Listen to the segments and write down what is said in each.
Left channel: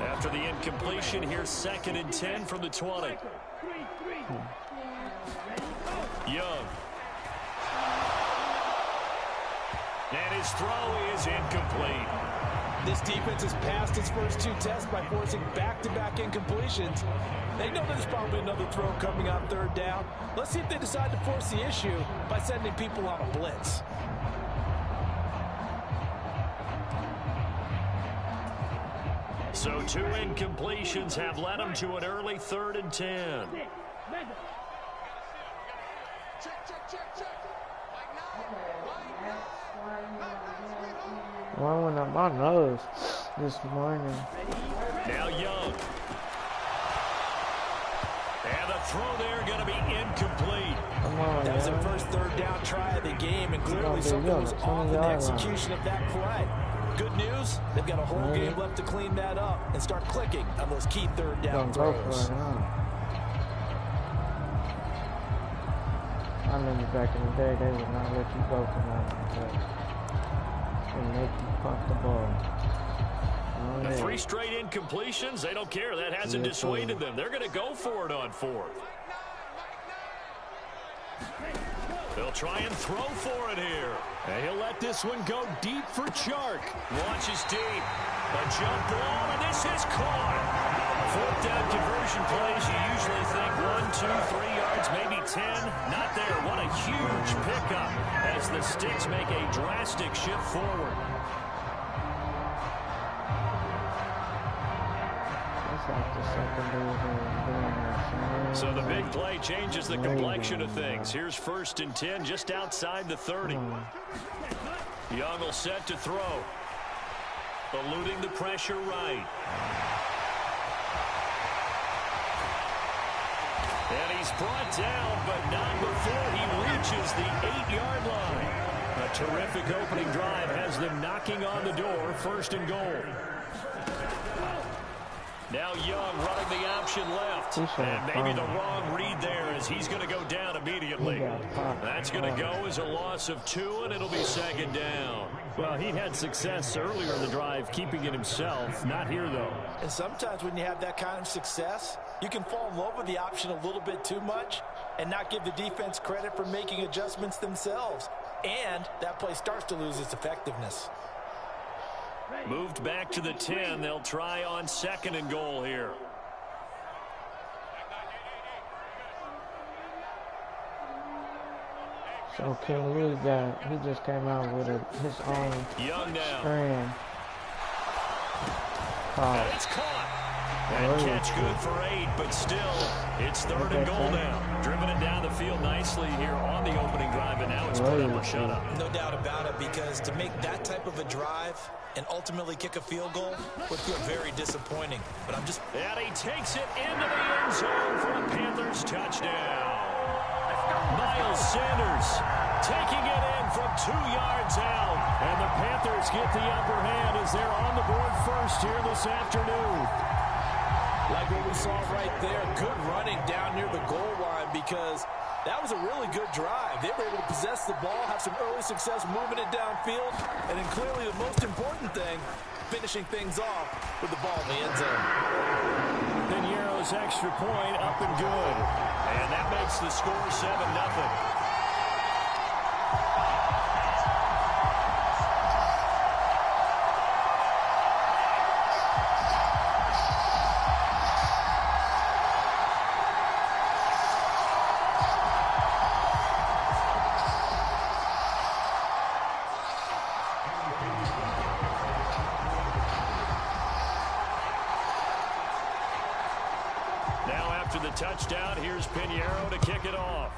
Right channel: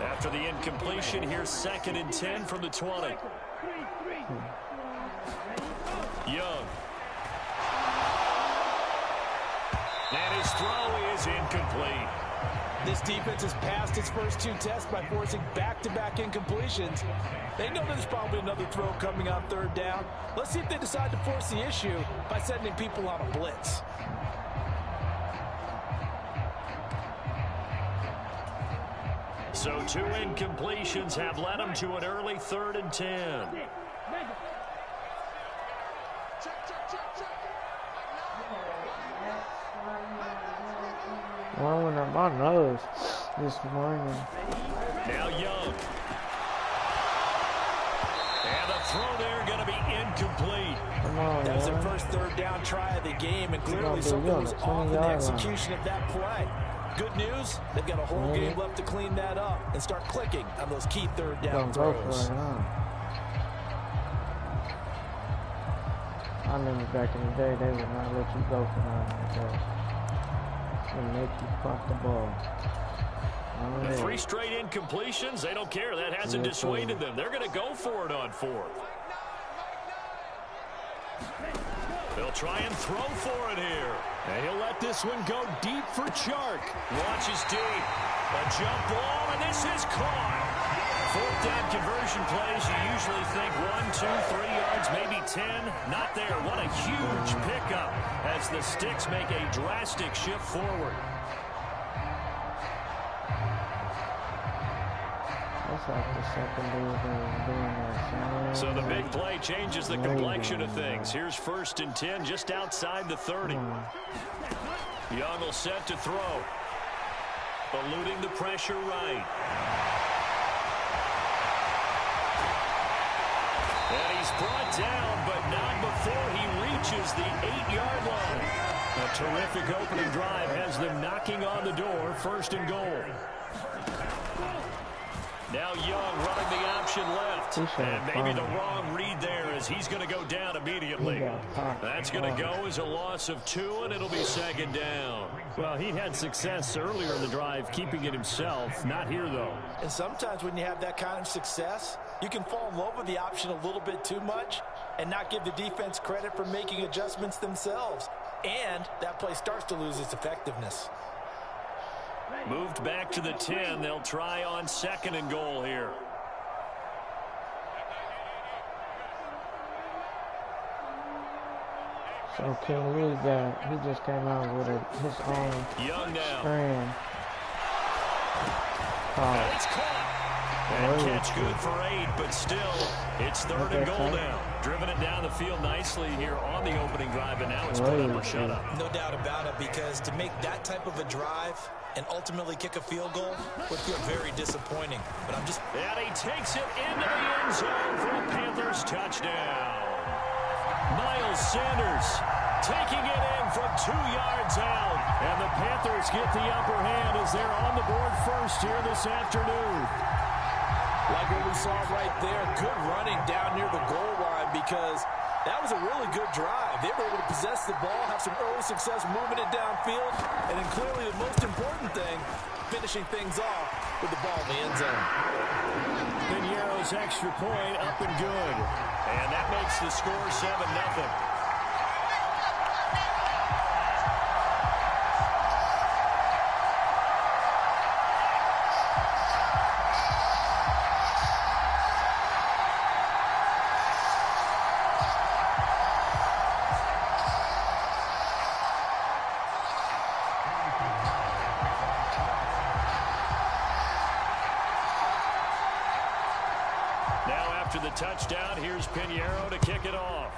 After the incompletion, here's 2nd and 10 from the 20. Young. And his throw is incomplete. This defense has passed its first 2 tests by forcing back-to-back incompletions. They know there's probably another throw coming on 3rd down. Let's see if they decide to force the issue by sending people on a blitz. So 2 incompletions have led them to an early 3rd and 10. One went up my nose this morning. Now Young. And the throw there going to be incomplete. Come on, that was the first 3rd down try of the game, and clearly something was off in the execution of that play. Good news, they've got a whole game left to clean that up and start clicking on those key 3rd down throws. I remember back in the day, they would not let you go for nothing like that. They make you punt the ball. The 3 straight incompletions, they don't care. That hasn't dissuaded them. They're going to go for it on 4th. They'll try and throw for it here. And he'll let this one go deep for Chark. Launches deep. A jump ball, and this is caught. 4th down conversion plays, you usually think 1, 2, 3 yards, maybe 10. Not there. What a huge pickup as the Sticks make a drastic shift forward. That's like the secondary doing that. So the big play changes the complexion of things. Here's 1st and 10 just outside the 30. Young will set to throw. Eluding the pressure right. And he's brought down, but not before he reaches the 8-yard line. A terrific opening drive has them knocking on the door. 1st and goal. Now Young running the option left. And maybe the wrong read there as he's going to go down immediately. That's going to go as a loss of 2, and it'll be 2nd down. Well, he had success earlier in the drive keeping it himself. Not here, though. And sometimes when you have that kind of success, you can fall in love with the option a little bit too much and not give the defense credit for making adjustments themselves. And that play starts to lose its effectiveness. Moved back to the 10. They'll try on 2nd and goal here. So King Lee he just came out with his own strand. And it's caught. And catch good for 8, but still, it's 3rd and goal now. Driven it down the field nicely here on the opening drive, and now it's put up or shut up. No doubt about it, because to make that type of a drive and ultimately kick a field goal would feel very disappointing. But I'm just... And he takes it into the end zone for a Panthers touchdown. Miles Sanders taking it in from 2 yards out. And the Panthers get the upper hand as they're on the board first here this afternoon. Like what we saw right there, good running down near the goal line, because that was a really good drive. They were able to possess the ball, have some early success moving it downfield, and then clearly the most important thing, finishing things off with the ball in the end zone. Piñeiro's extra point up and good. And that makes the score 7-0. Now after the touchdown, here's Piñeiro to kick it off.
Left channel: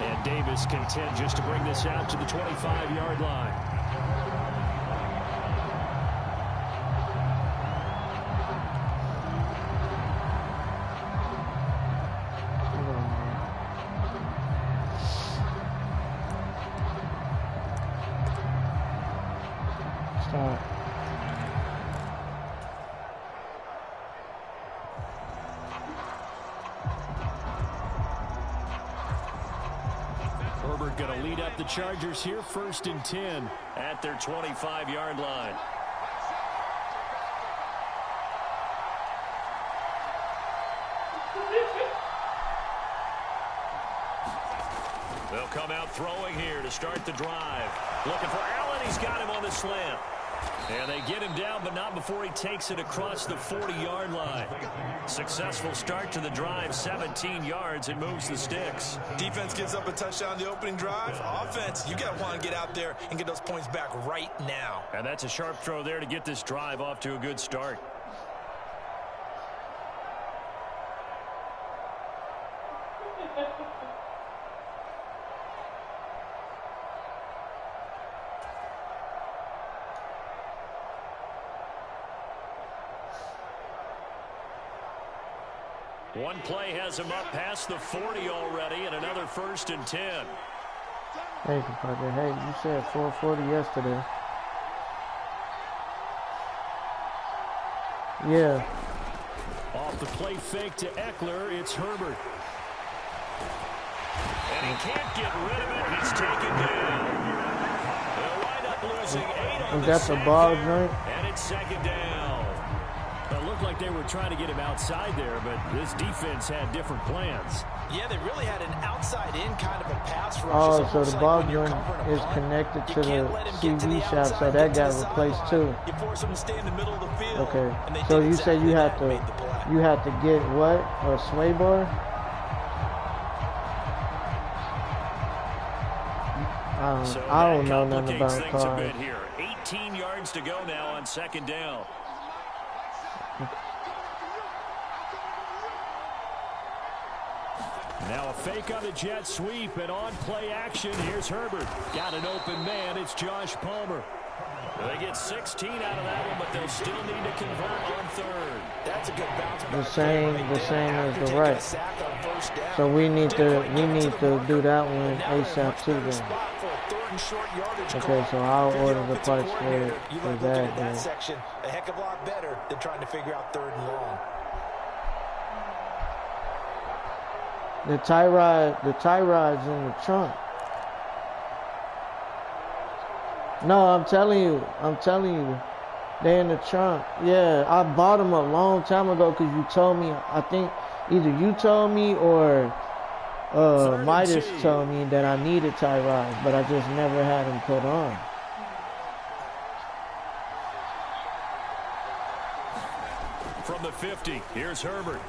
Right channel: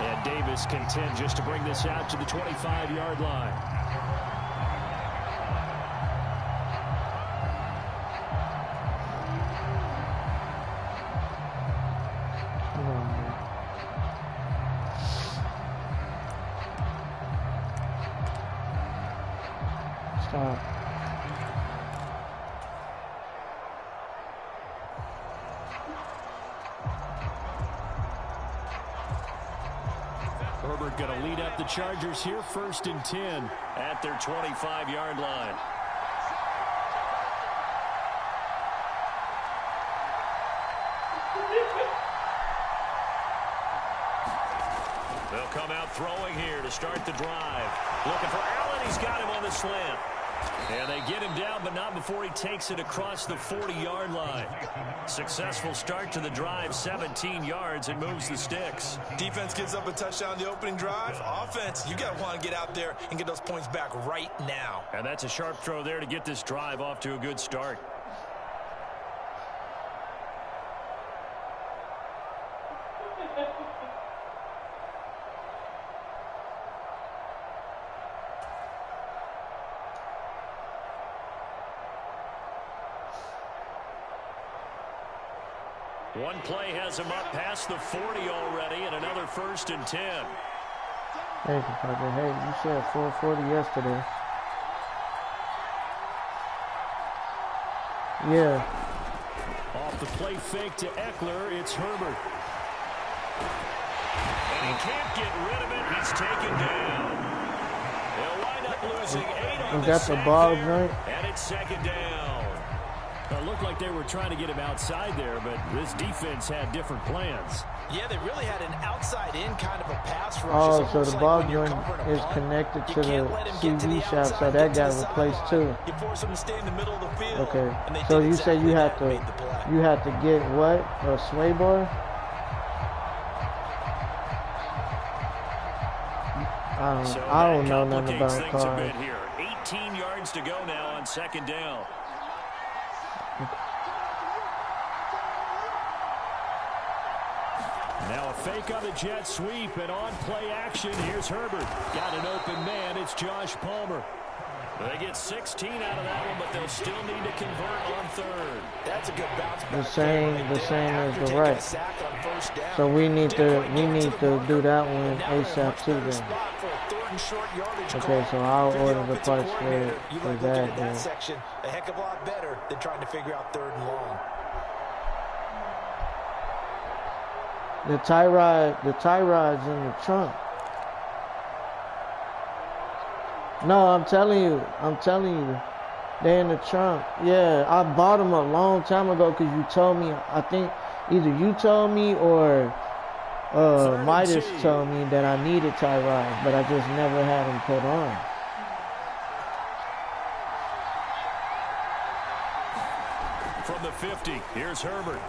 And Davis content just to bring this out to the 25-yard line. Stop. Herbert going to lead up the Chargers here, 1st and 10 at their 25-yard line. They'll come out throwing here to start the drive. Looking for Allen. He's got him on the slant. And they get him down, but not before he takes it across the 40-yard line. Successful start to the drive, 17 yards, and moves the sticks. Defense gives up a touchdown the opening drive. Offense, you got to want to get out there and get those points back right now. And that's a sharp throw there to get this drive off to a good start. One play has him up past the 40 already, and another 1st and 10. Hey, Parker. Hey, you said 440 yesterday. Yeah. Off the play fake to Eckler, it's Herbert. And he can't get rid of it. He's taken down. They'll wind up losing 8 on the sack there, and it's 2nd down. It looked like they were trying to get him outside there, but this defense had different plans. Yeah, they really had an outside-in kind of a pass rush. Oh, so the ball joint is connected to the CV shaft, so that got replaced too. You force him to stay in the middle of the field. Okay, so you said you have to get what? A sway bar? I don't know nothing about cars. 18 yards to go now on 2nd down. Now a fake on the jet sweep, and on play action, here's Herbert. Got an open man, it's Josh Palmer. They get 16 out of that one, but they'll still need to convert on 3rd. That's a good bounce back. The same as the right. So we need to do that one ASAP too then. Okay, so I'll order the parts for that. That section a heck of a lot better than trying to figure out 3rd and long. The tie rod's in the trunk. No, I'm telling you, they're in the trunk. Yeah, I bought them a long time ago because you told me. I think either you told me or Midas told me that I needed tie rods, but I just never had them put on. From the 50, here's Herbert.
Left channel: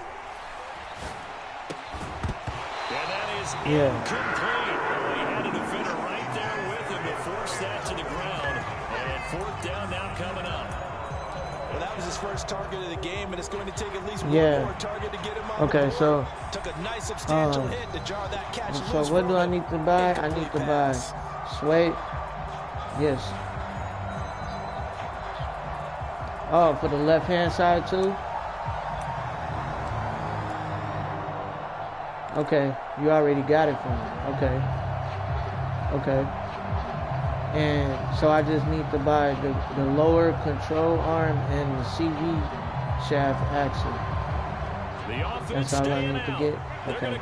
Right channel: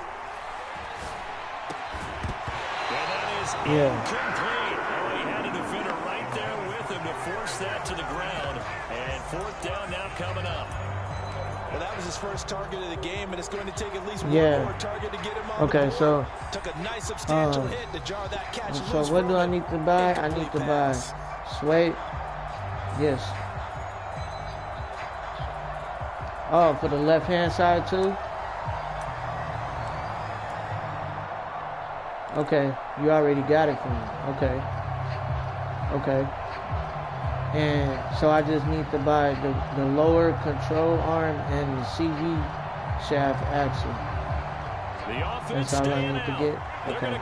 And that is incomplete. Oh, he had a defender right there with him to force that to the ground. And 4th down now coming up. Well, that was his first target of the game, and it's going to take at least one more target to get him on the board. So took a nice substantial hit to jar that catch. So what do I need to buy? I need to buy Sway. Yes. Oh, for the left-hand side too? Okay, you already got it for me. Okay. And so I just need to buy the lower control arm and the CV shaft axle. That's all I need to get. Okay.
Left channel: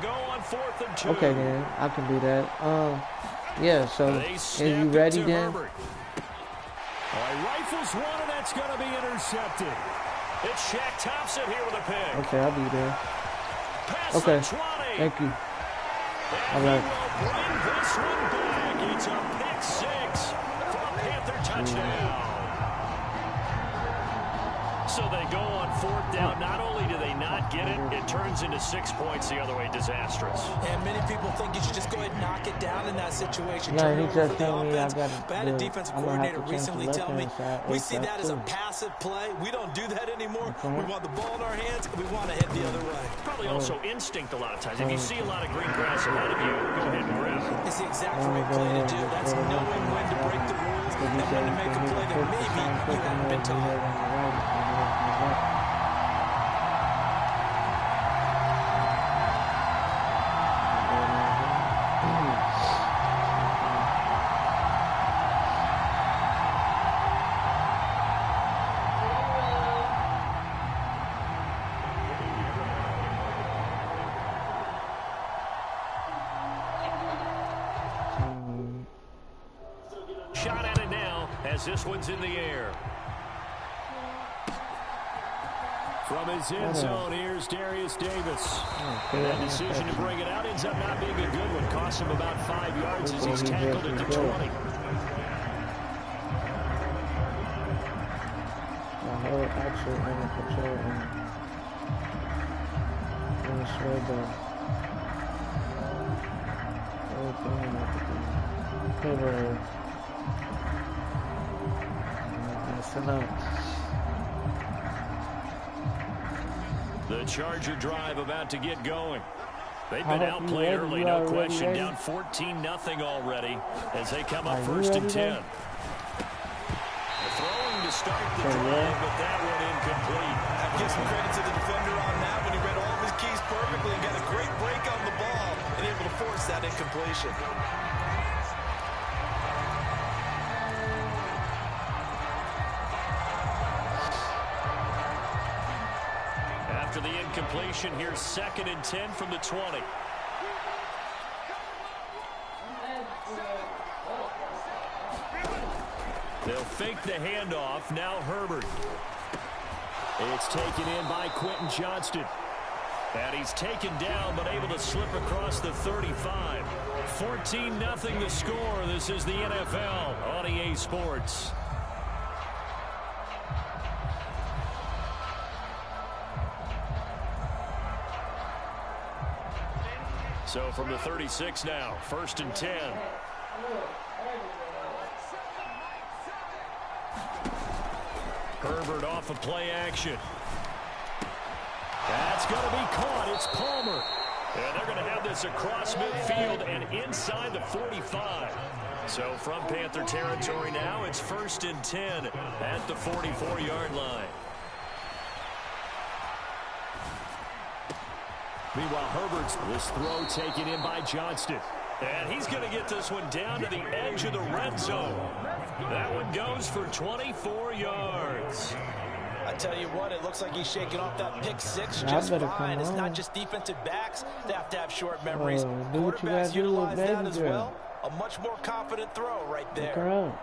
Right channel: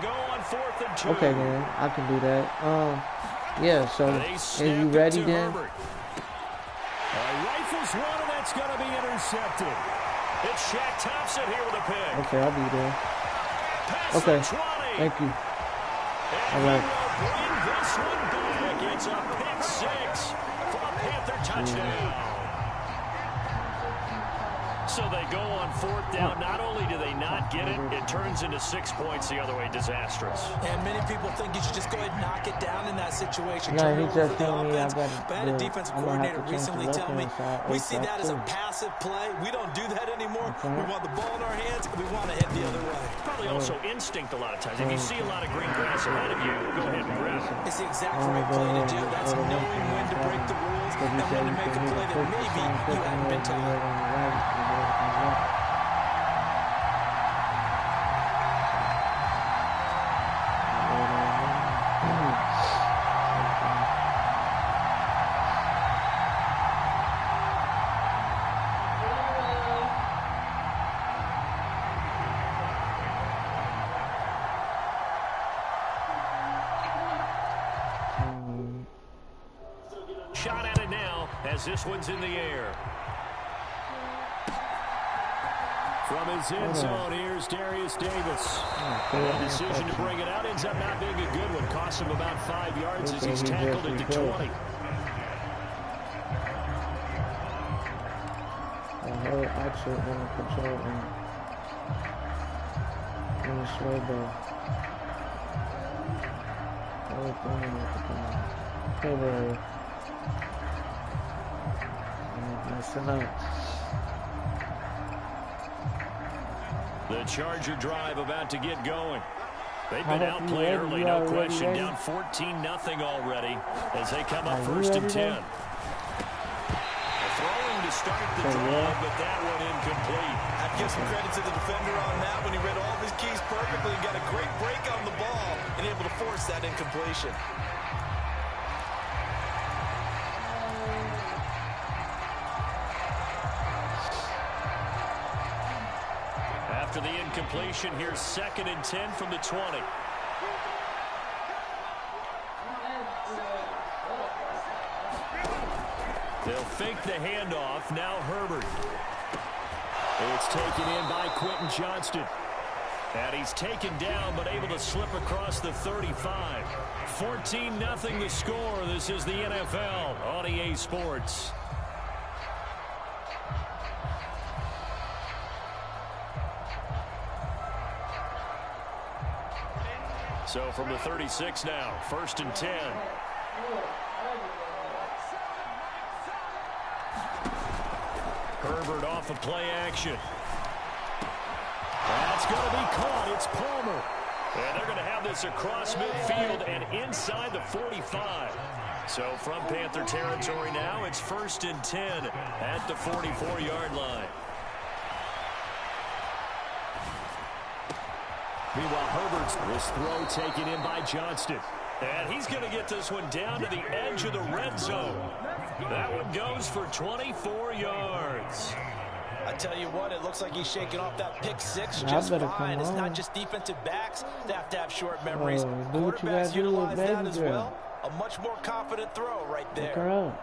Okay then, I can do that. Yeah. So, are you ready then? He rifles one, and that's going to be intercepted. It's Shaq Thompson here with a pick. Okay, I'll be there. Okay, thank you. And he will bring this one back. It's a pick 6 for a Panther touchdown. So they go on 4th down. Not only do they not get it, it turns into 6 points the other way. Disastrous. And many people think you should just go ahead and knock it down in that situation. No, he just told me I got I had a defensive coordinator recently tell me, we see that as a passive play. We don't do that anymore. We want the ball in our hands, and we want to head the other way. Probably also instinct a lot of times. If you see a lot of green grass ahead of you, go ahead and grab it. It's the exact right play to do. That's knowing when to break the rules and when to make a play that maybe you hadn't been taught. as this one's in the air. From his end zone, here's Darius Davis. And that decision to bring it out ends up not being a good one. Cost him about 5 yards as he's tackled at the 20. The whole actually under control and sway ball. Whole thing at the messing up. The Charger drive about to get going. They've been outplayed early, no question. Down 14-0 already as they come up first and 10. Throwing to start the drive, but that one incomplete. I'd give some credit to the defender on that when he read all of his keys perfectly and got a great break on the ball and able to force that incompletion. After the incompletion, here's 2nd and 10 from the 20. They'll fake the handoff. Now Herbert. It's taken in by Quentin Johnston. And he's taken down, but able to slip across the 35. 14-0 the score. This is the NFL on EA Sports. So from the 36 now, 1st and 10. Herbert off of play action. That's going to be caught. It's Palmer. And they're going to have this across midfield and inside the 45. So from Panther territory now, it's 1st and 10 at the 44-yard line. Meanwhile, Herbert's this throw taken in by Johnston. And he's going to get this one down to the edge of the red zone. That one goes for 24 yards. I tell you what, it looks like he's shaking off that pick six just fine. It's not just defensive backs that have short memories. Quarterbacks utilize that as well. A much more confident throw right there.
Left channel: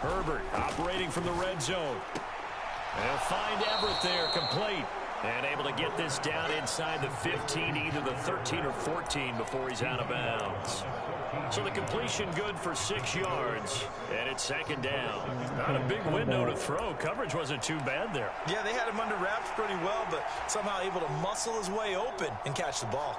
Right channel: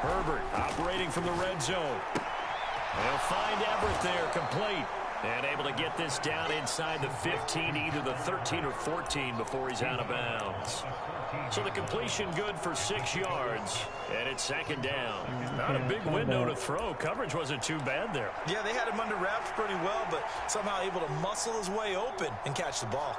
Herbert operating from the red zone. They'll find Everett there, complete. And able to get this down inside the 15, either the 13 or 14 before he's out of bounds. So the completion good for 6 yards, and it's 2nd down. Not a big window to throw. Coverage wasn't too bad there. Yeah, they had him under wraps pretty well, but somehow able to muscle his way open and catch the ball.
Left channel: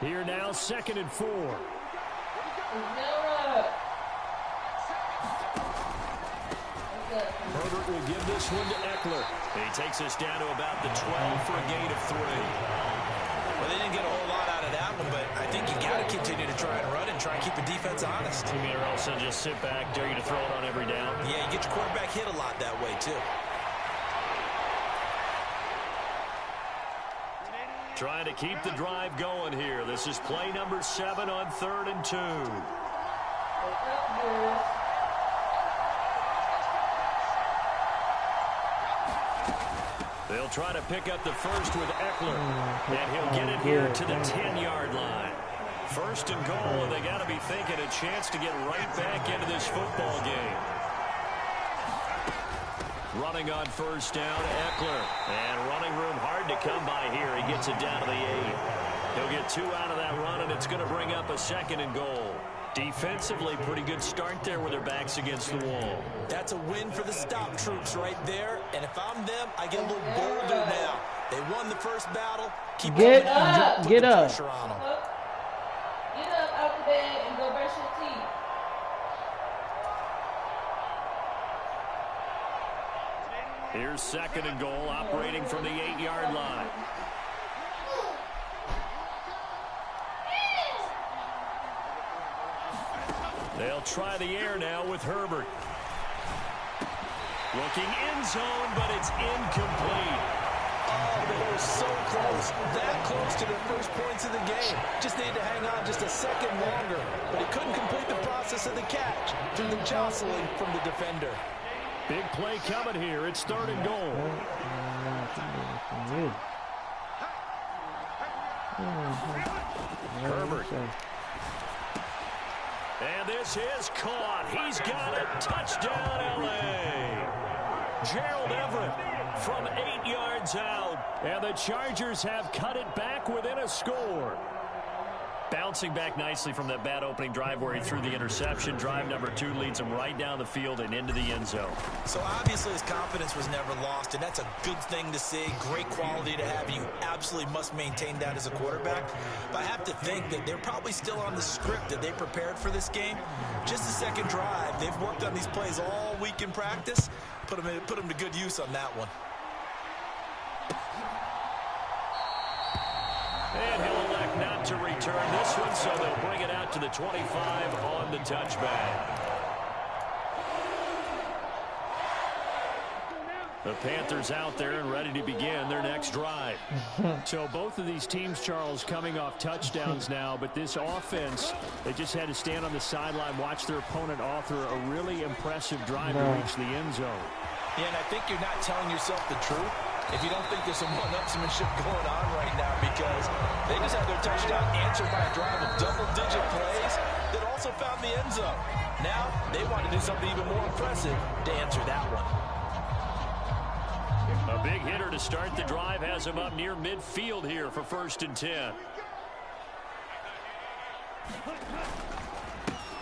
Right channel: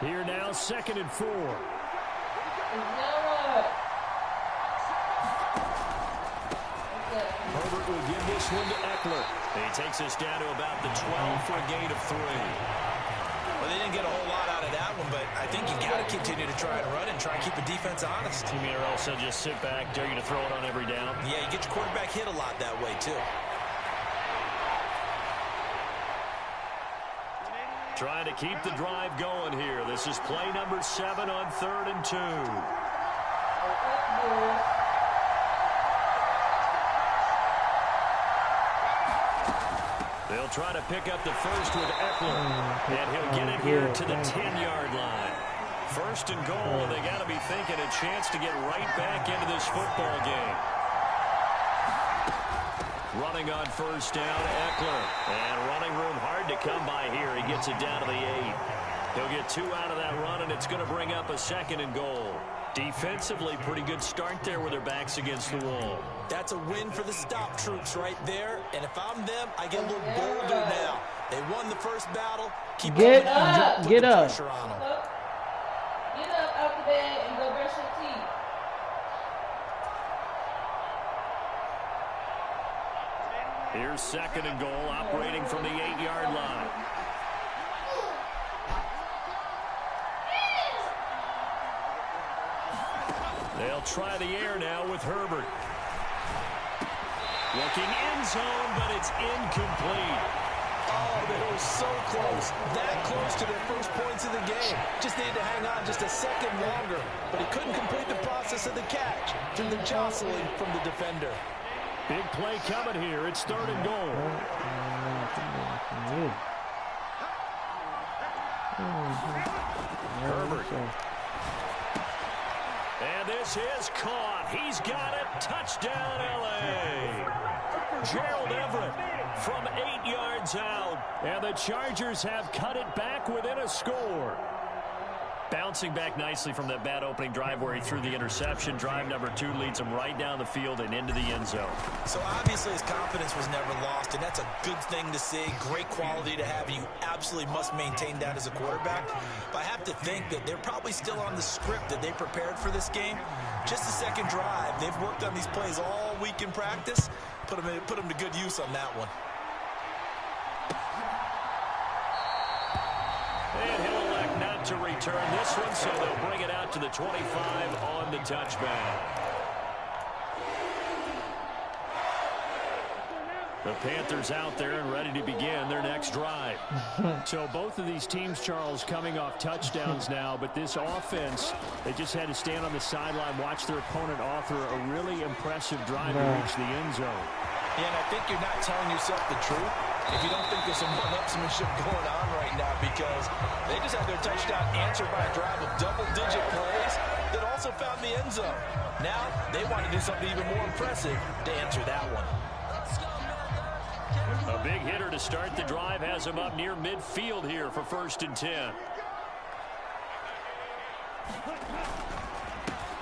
Here now, 2nd and 4. Herbert will give this one to Eckler. He takes us down to about the 12 for a gain of 3. Well, they didn't get a whole lot out of that one, but I think you got to continue to try and run and try and keep the defense honest. You mean or else they'll just sit back, dare you to throw it on every down? Yeah, you get your quarterback hit a lot that way, too. Trying to keep the drive going here. This is play number 7 on 3rd and 2. They'll try to pick up the first with Eckler, and he'll get it here to the 10-yard line. 1st and goal, and they got to be thinking a chance to get right back into this football game. Running on 1st down, Eckler. And running room hard to come by here. He gets it down to the 8. He'll get 2 out of that run, and it's going to bring up a 2nd and goal. Defensively, pretty good start there with their backs against the wall. That's a win for the stop troops right there. And if I'm them, I get a little bolder now. They won the first battle. Keep get up. Get up. Pressure on them. Get up out the bed and go brush your teeth. Here's 2nd and goal, operating from the 8-yard line. They'll try the air now with Herbert. Looking end zone, but it's incomplete. Oh, they were so close. That close to their first points of the game. Just needed to hang on just a second longer. But he couldn't complete the process of the catch through the jostling from the defender. Big play coming here. It's 3rd and goal. Herbert. And this is caught. He's got it. Touchdown, L.A. Gerald Everett from 8 yards out. And the Chargers have cut it back within a score. Bouncing back nicely from that bad opening drive where he threw the interception. Drive number 2 leads him right down the field and into the end zone. So obviously his confidence was never lost, and that's a good thing to see. Great quality to have, and you absolutely must maintain that as a quarterback. But I have to think that they're probably still on the script that they prepared for this game. Just the second drive. They've worked on these plays all week in practice. Put them to good use on that one. And he'll elect not to return this one, so they'll bring it out to the 25 on the touchback. The Panthers out there and ready to begin their next drive. So both of these teams, Charles, coming off touchdowns now, but this offense, they just had to stand on the sideline, watch their opponent author a really impressive drive to reach the end zone. Yeah, and I think you're not telling yourself the truth if you don't think there's some one-upsmanship going on right now, because they just had their touchdown answered by a drive of double-digit plays that also found the end zone. Now they want to do something even more impressive to answer that one. A big hitter to start the drive has him up near midfield here for 1st and 10.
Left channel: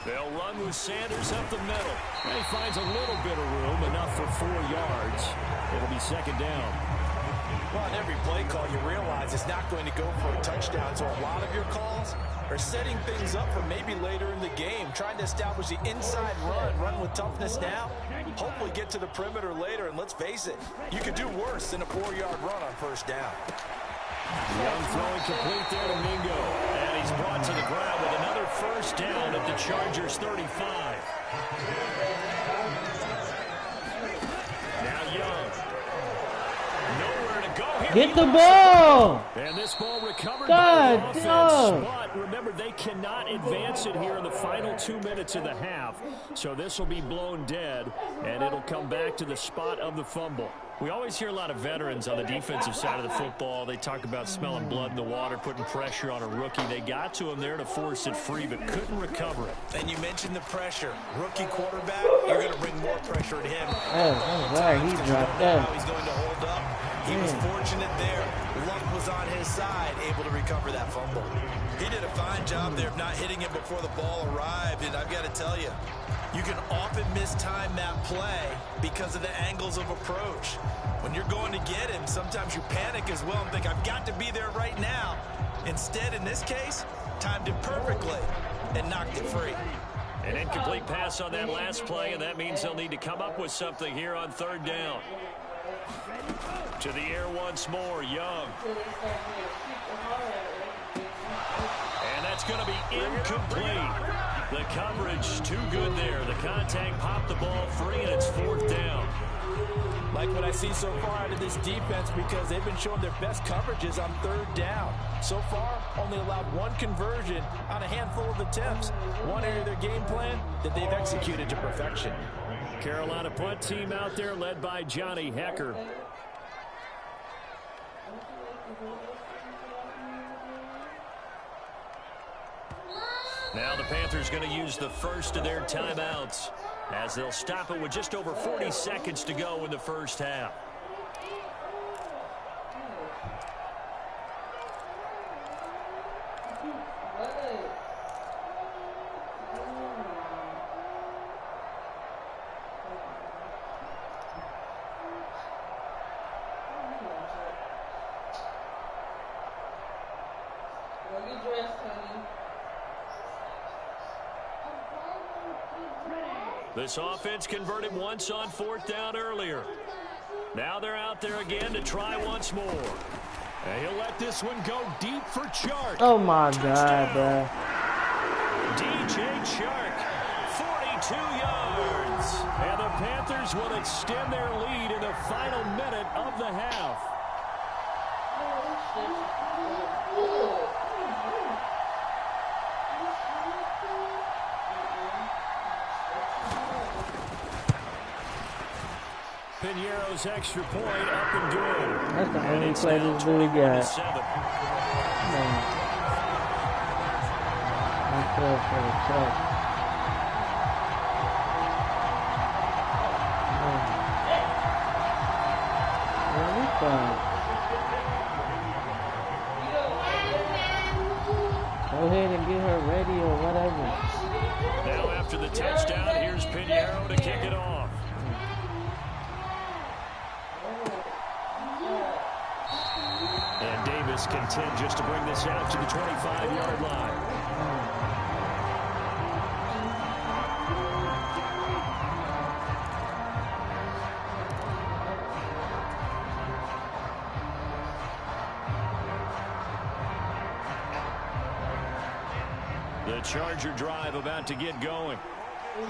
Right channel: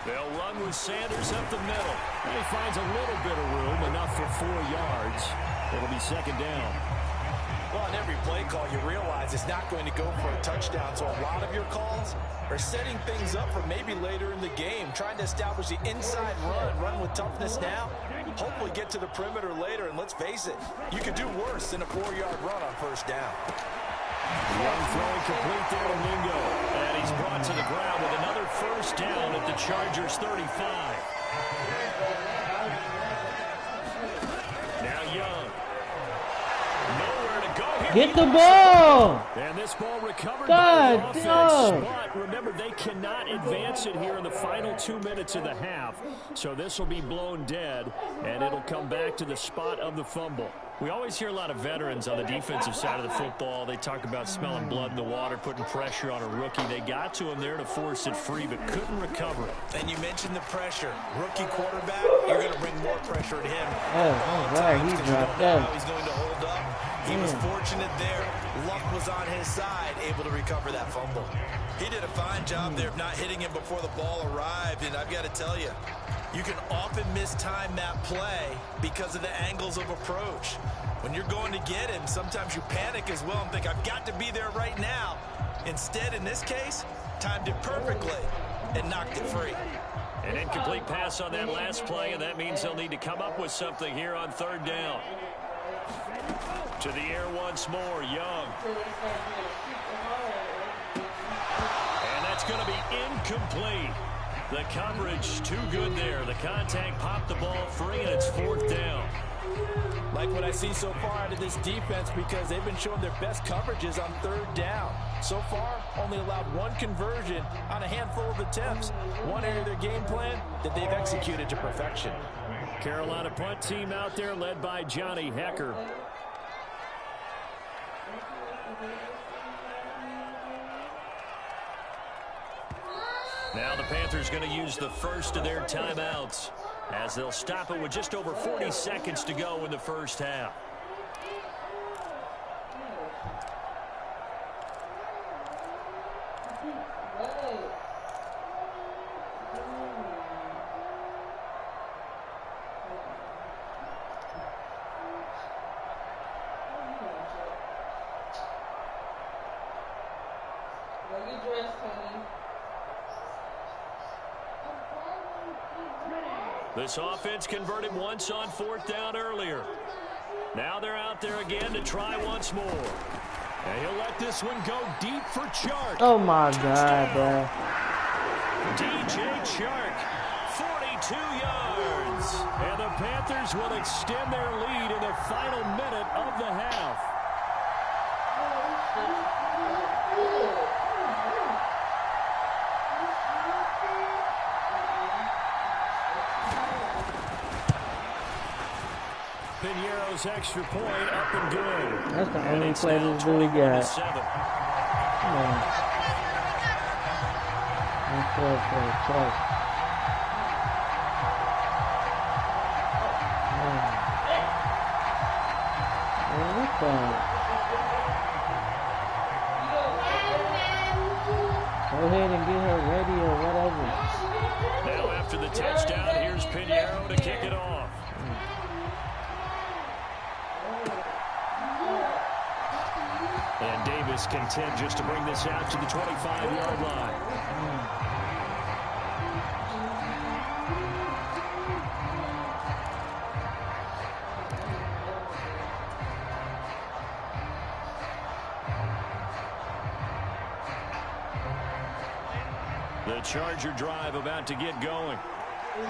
They'll run with Sanders up the middle. And he finds a little bit of room, enough for 4 yards. It'll be 2nd down. Well, on every play call, you realize it's not going to go for a touchdown, so a lot of your calls are setting things up for maybe later in the game, trying to establish the inside run with toughness now, hopefully get to the perimeter later, and let's face it, you could do worse than a 4-yard run on 1st down. Young throwing complete there to Mingo, and he's brought to the ground with another 1st down at the Chargers 35. Now Young. Nowhere to go here. Get the ball! And this ball recovered by the offense. But remember, they cannot advance it here in the final 2 minutes of the half. So this will be blown dead, and it'll come back to the spot of the fumble. We always hear a lot of veterans on the defensive side of the football. They talk about smelling blood in the water, putting pressure on a rookie. They got to him there to force it free, but couldn't recover it. And you mentioned the pressure. Rookie quarterback, you're going to bring more pressure at him. Oh, right. He dropped that. How he's going to hold up. He was fortunate there. Luck was on his side, able to recover that fumble. He did a fine job there of not hitting him before the ball arrived, and I've got to tell you, you can often mistime that play because of the angles of approach. When you're going to get him, sometimes you panic as well and think, I've got to be there right now. Instead, in this case, timed it perfectly and knocked it free. An incomplete pass on that last play, and that means they'll need to come up with something here on 3rd down. To the air once more, Young. And that's going to be incomplete. The coverage too good there. The contact popped the ball free, and it's 4th down. Like what I see so far out of this defense, because they've been showing their best coverages on 3rd down. So far, only allowed 1 conversion on a handful of attempts. One area of their game plan that they've executed to perfection. Carolina punt team out there led by Johnny Hecker. Now the Panthers going to use the first of their timeouts as they'll stop it with just over 40 seconds to go in the 1st half. This offense converted once on 4th down earlier. Now they're out there again to try once more. And he'll let this one go deep for Chark. Oh, my God, bro. DJ Chark, 42 yards. And the Panthers will extend their lead in the final minute of the half. Piñeiro's extra point up and good. That's the And only it's play now this dude got. 21-7. Come on. I feel for the truck. Man, we quiet. Go ahead and get her ready or whatever. Now after the touchdown, here's Pjbigakh to kick it off. And Davis content just to bring this out to the 25-yard line. The Charger drive about to get going.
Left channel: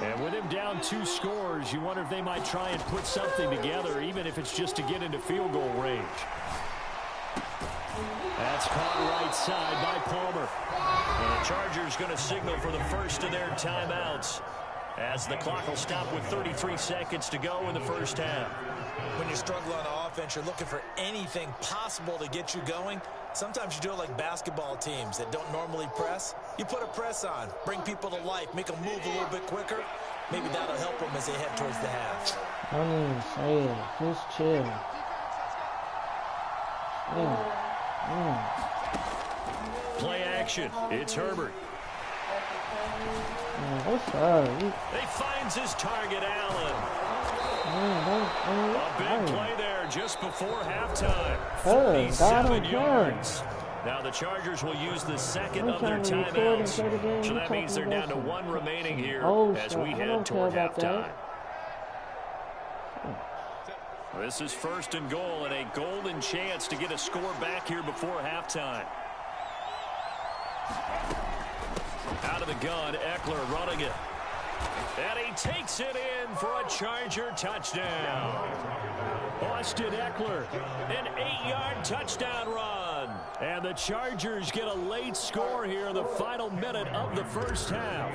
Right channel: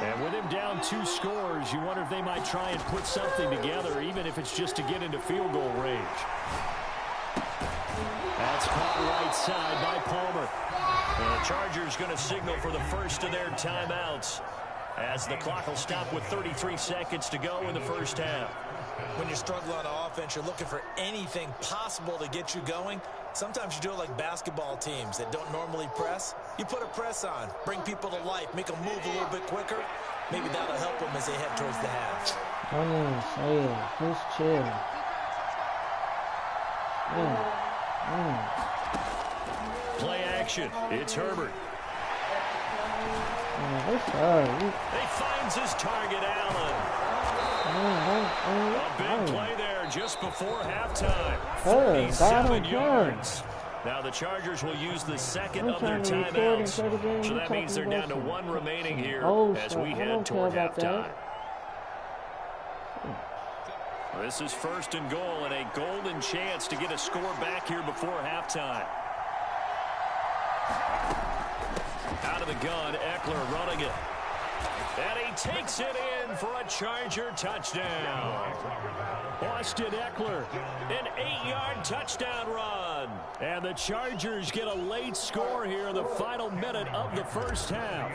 And with him down 2 scores, you wonder if they might try and put something together, even if it's just to get into field goal range. That's caught right side by Palmer. And the Chargers going to signal for the first of their timeouts as the clock will stop with 33 seconds to go in the first half. When you're struggling on offense, you're looking for anything possible to get you going. Sometimes you do it like basketball teams that don't normally press. You put a press on, bring people to life, make them move a little bit quicker. Maybe that'll help them as they head towards the half. Don't even say it. Just chill. Play action. It's Herbert. What's up? He finds his target, Allen. A big play there just before halftime. 47 yards. Now the Chargers will use the second of their timeouts. So that means they're down to 1 remaining here as we head toward halftime. This is 1st and goal and a golden chance to get a score back here before halftime. Out of the gun, Eckler running it. And he takes it in for a Charger touchdown. Austin Eckler, an 8-yard touchdown run. And the Chargers get a late score here in the final minute of the first half.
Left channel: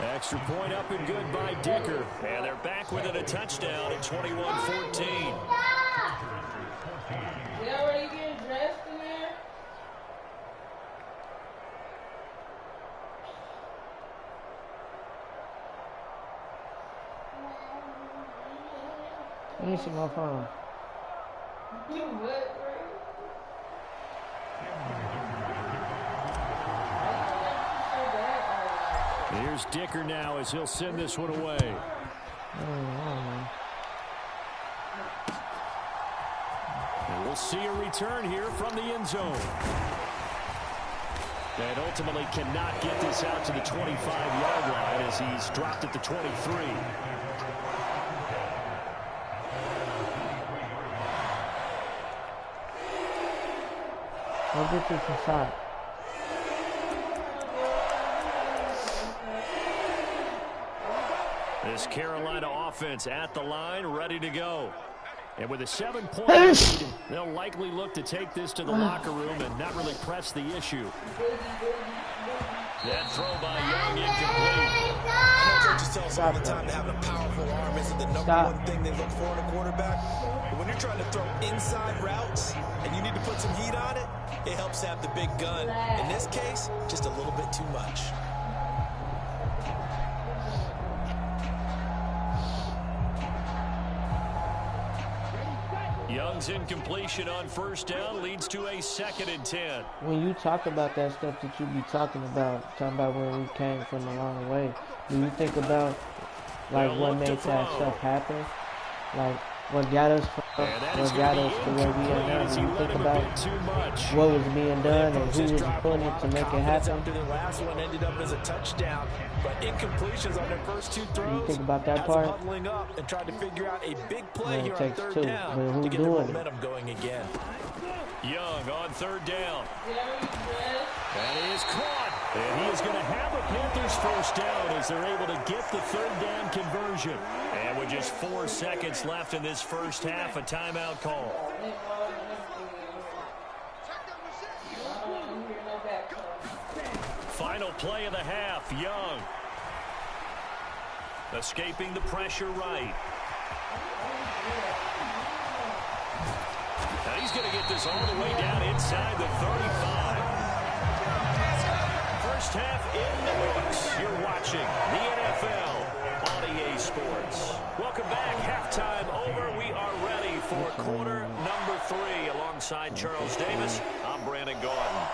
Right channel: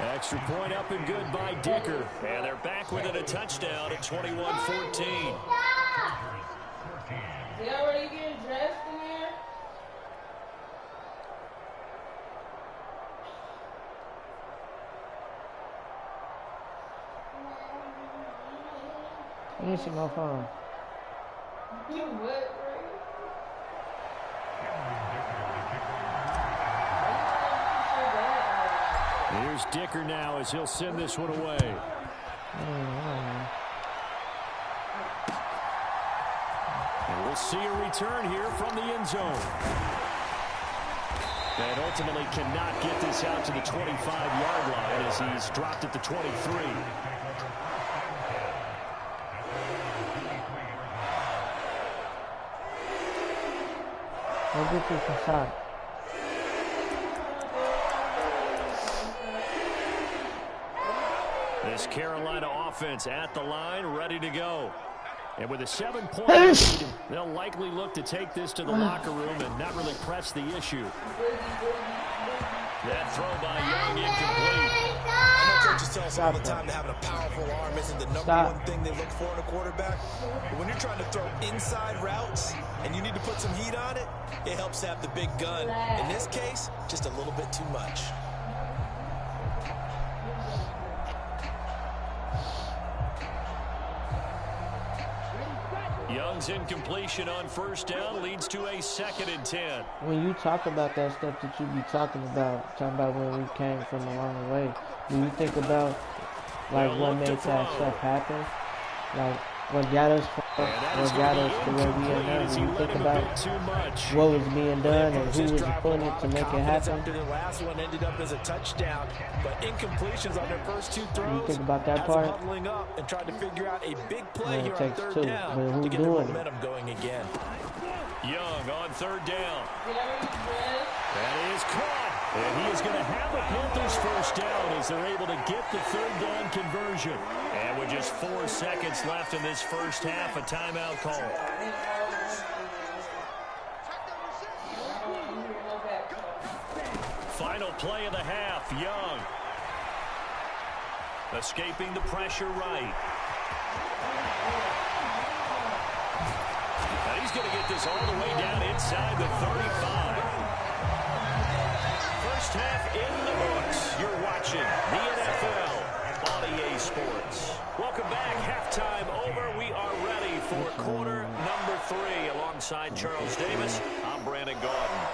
Extra point up and good by Dicker. And they're back within a touchdown at 21-14. They already getting dressed in there? Let me see my phone. You what, bro? Here's Dicker now as he'll send this one away. And we'll see a return here from the end zone. And ultimately cannot get this out to the 25-yard line as he's dropped at the 23. Go get you some shots. This Carolina offense at the line, ready to go. And with a 7-point lead, they'll likely look to take this to the locker room and not really press the issue. That throw by Young incomplete. I know coaches tell us all the time that having a powerful arm isn't the number one thing they look for in a quarterback. But when you're trying to throw inside routes and you need to put some heat on it, it helps to have the big gun. In this case, just a little bit too much. Young's incompletion on first down leads to a 2nd and 10. When you talk about that stuff that you be talking about where we came from a long way, do you think about like what made that stuff happen? Like what got us from, what got us to where we are now? Do you think about what was being done and who was putting it to make it happen? After the last one ended up as a touchdown, but incompletions on their first 2 throws. You think about that part? Huddling up and trying to figure out a big play here on 3rd down to get the momentum going again. Young on 3rd down. That is caught. And he is going to have a Panthers first down as they're able to get the 3rd down conversion. And with just 4 seconds left in this first half, a timeout call. Final play of the half. Young Escaping the pressure right. And he's going to get this all the way down inside the 35. First half in the books. You're watching the NFL on EA Sports. Welcome back. Halftime over. We are ready for quarter number 3. Alongside Charles Davis, I'm Brandon Gordon.